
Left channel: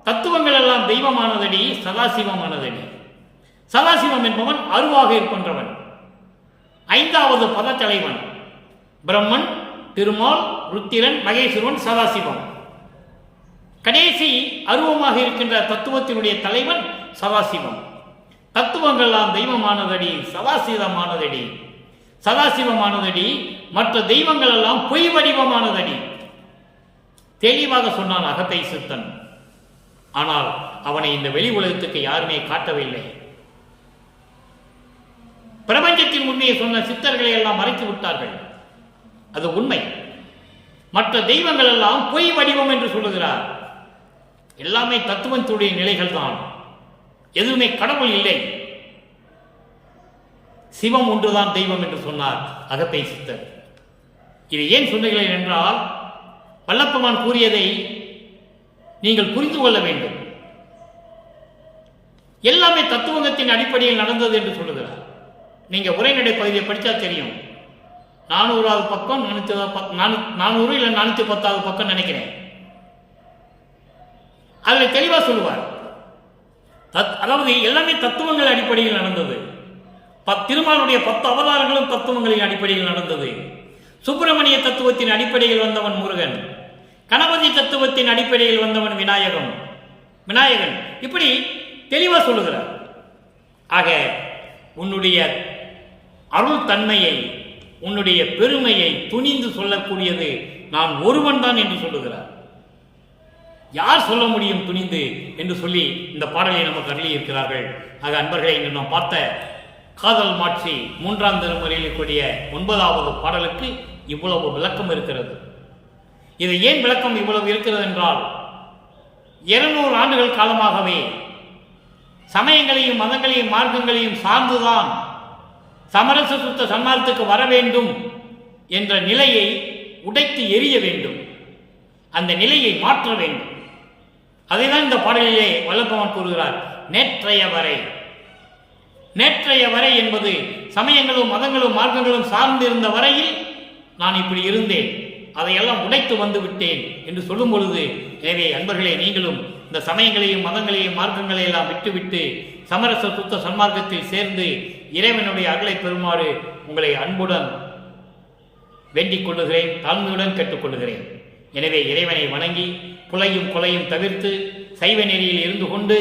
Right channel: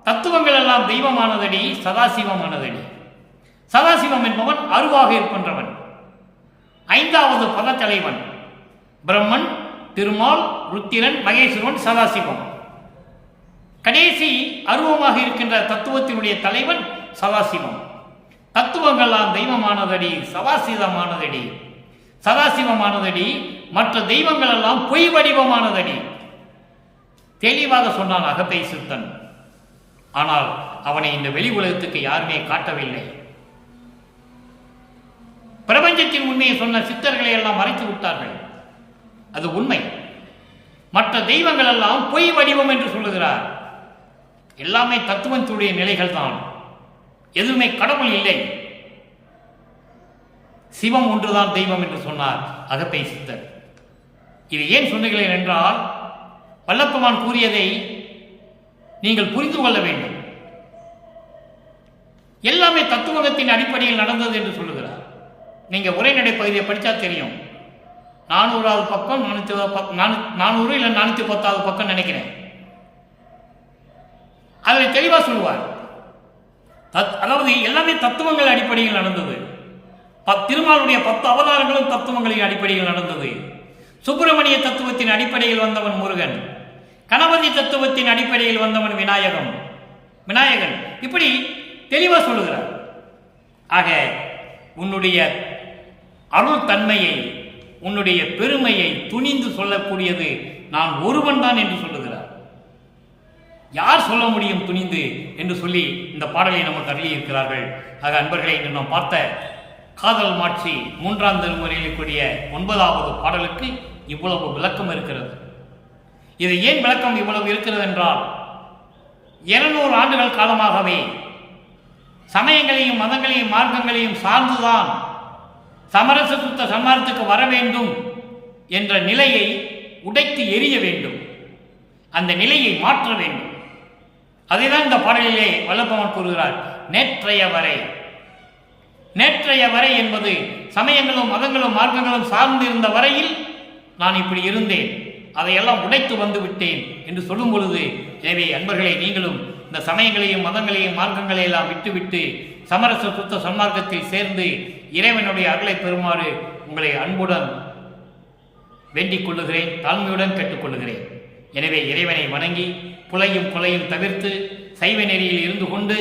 தத்துவங்கள் எல்லாம் தெய்வமானதடி, சதாசிவமானதடி. சதாசிவம் என்பவன் அருவாக இருக்கின்றவன், 5வது பத தலைவன். பிரம்மன், திருமால், ருத்திரன், மகேஸ்வரன், சதாசிவம். கடைசி அருவமாக இருக்கின்ற தத்துவத்தினுடைய தலைவன் சதாசிவம். தத்துவங்கள்லாம் தெய்வமானதடி, சதாசிவமானதடி. சதாசிவமானதடி, மற்ற தெய்வங்கள் எல்லாம் பொய் வடிவமானதடி. தெளிவாக சொன்னான் அகத்தை சித்தன். ஆனால் அவனை இந்த வெளி உலகத்துக்கு யாருமே காட்டவில்லை. பிரபஞ்சத்தின் உண்மையை சொன்ன சித்தர்களை எல்லாம் மறைத்து விட்டார்கள். அது உண்மை. மற்ற தெய்வங்கள் எல்லாம் பொய் வடிவம் என்று சொல்லுகிறார். எல்லாமே தத்துவத்துடைய நிலைகள் தான், எதுவுமே கடவுள் இல்லை. சிவம் ஒன்றுதான் தெய்வம் என்று சொன்னார் அகத்தை சித்தர். இது ஏன் சொன்னீர்கள் என்றால், வல்லப்பெருமான் கூறியதை நீங்கள் புரிந்து கொள்ள வேண்டும். எல்லாமே தத்துவத்தின் அடிப்படையில் நடந்தது என்று சொல்லுகிறார். நீங்க உரைநடை பகுதியை படித்தா தெரியும். 400வது பக்கம், 400 இல்லை 410வது பக்கம் நினைக்கிறேன். அதில் தெளிவாக சொல்லுவார். அதாவது எல்லாமே தத்துவங்கள் அடிப்படையில் நடந்தது. திருமாலுடைய 10 அவதாரங்களும் தத்துவங்களின் அடிப்படையில் நடந்தது. சுப்பிரமணிய தத்துவத்தின் அடிப்படையில் வந்தவன் முருகன், கணபதி தத்துவத்தின் அடிப்படையில் வந்தவன் விநாயகன். இப்படி தெளிவாக சொல்லுகிறார். ஆக உன்னுடைய அருள் தன்மையை, உன்னுடைய பெருமையை துணிந்து சொல்லக்கூடியது நான் ஒருவன் தான் என்று சொல்லுகிறார். யார் சொல்ல முடியும் துணிந்து என்று சொல்லி இந்த பாடலை நமக்கு அருளி இருக்கிறார்கள். ஆக அன்பர்களை இன்று நாம் பார்த்த காதல் மாட்சி 3ஆம் திருமுறையில் இருக்கக்கூடிய 9வது பாடலுக்கு இவ்வளவு விளக்கம் இருக்கிறது. இது ஏன் விளக்கம் இவ்வளவு இருக்கிறது என்றால், 200 ஆண்டுகள் காலமாகவே சமயங்களையும் மதங்களையும் மார்க்கங்களையும் சார்ந்துதான் சமரச சுத்த சன்மார்க்கத்துக்கு வர வேண்டும் என்ற நிலையை உடைத்து எறிய வேண்டும். அந்த நிலையை மாற்ற வேண்டும். அதைதான் இந்த பாடலிலே வல்லபெருமான் கூறுகிறார். நேற்றைய வரை, நேற்றைய வரை என்பது சமயங்களும் மதங்களும் மார்க்கங்களும் சார்ந்திருந்த வரையில் நான் இப்படி இருந்தேன், அதையெல்லாம் உடைத்து வந்து விட்டேன் என்று சொல்லும் பொழுது, எனவே அன்பர்களே, நீங்களும் இந்த சமயங்களையும் மதங்களையும் மார்க்கங்களை எல்லாம் விட்டுவிட்டு சமரச சுத்த சன்மார்க்கத்தில் சேர்ந்து இறைவனுடைய அருளை பெறுமாறு உங்களை அன்புடன் வேண்டிக் கொள்ளுகிறேன், தாழ்மையுடன் கேட்டுக்கொள்ளுகிறேன். எனவே இறைவனை வணங்கி புலையும் தவிர்த்து சைவ நெறியில் இருந்து கொண்டு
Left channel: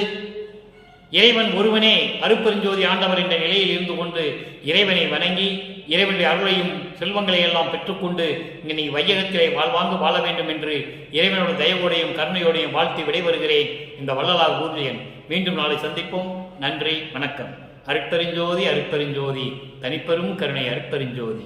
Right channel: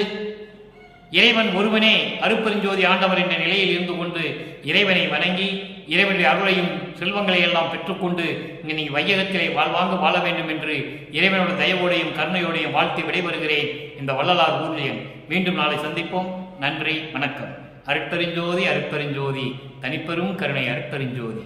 இறைவன் ஒருவனே அருட்பெருஞ்சோதி ஆண்டவர் என்ற நிலையில் இருந்து கொண்டு இறைவனை வணங்கி இறைவனுடைய அருளையும் செல்வங்களை எல்லாம் பெற்றுக்கொண்டு இங்கே நீங்கள் வையகத்திலே வாழ்வாங்க வாழ வேண்டும் என்று இறைவனோட தயவோடையும் கருணையோடையும் வாழ்த்தி விடைபெறுகிறேன். இந்த வள்ளலார் ஊர்ஜியன். மீண்டும் நாளை சந்திப்போம். நன்றி, வணக்கம். அருட்பெருஞ்சோதி அருட்பெருஞ்சோதி, தனிப்பெரும் கருணை அருட்பெருஞ்சோதி.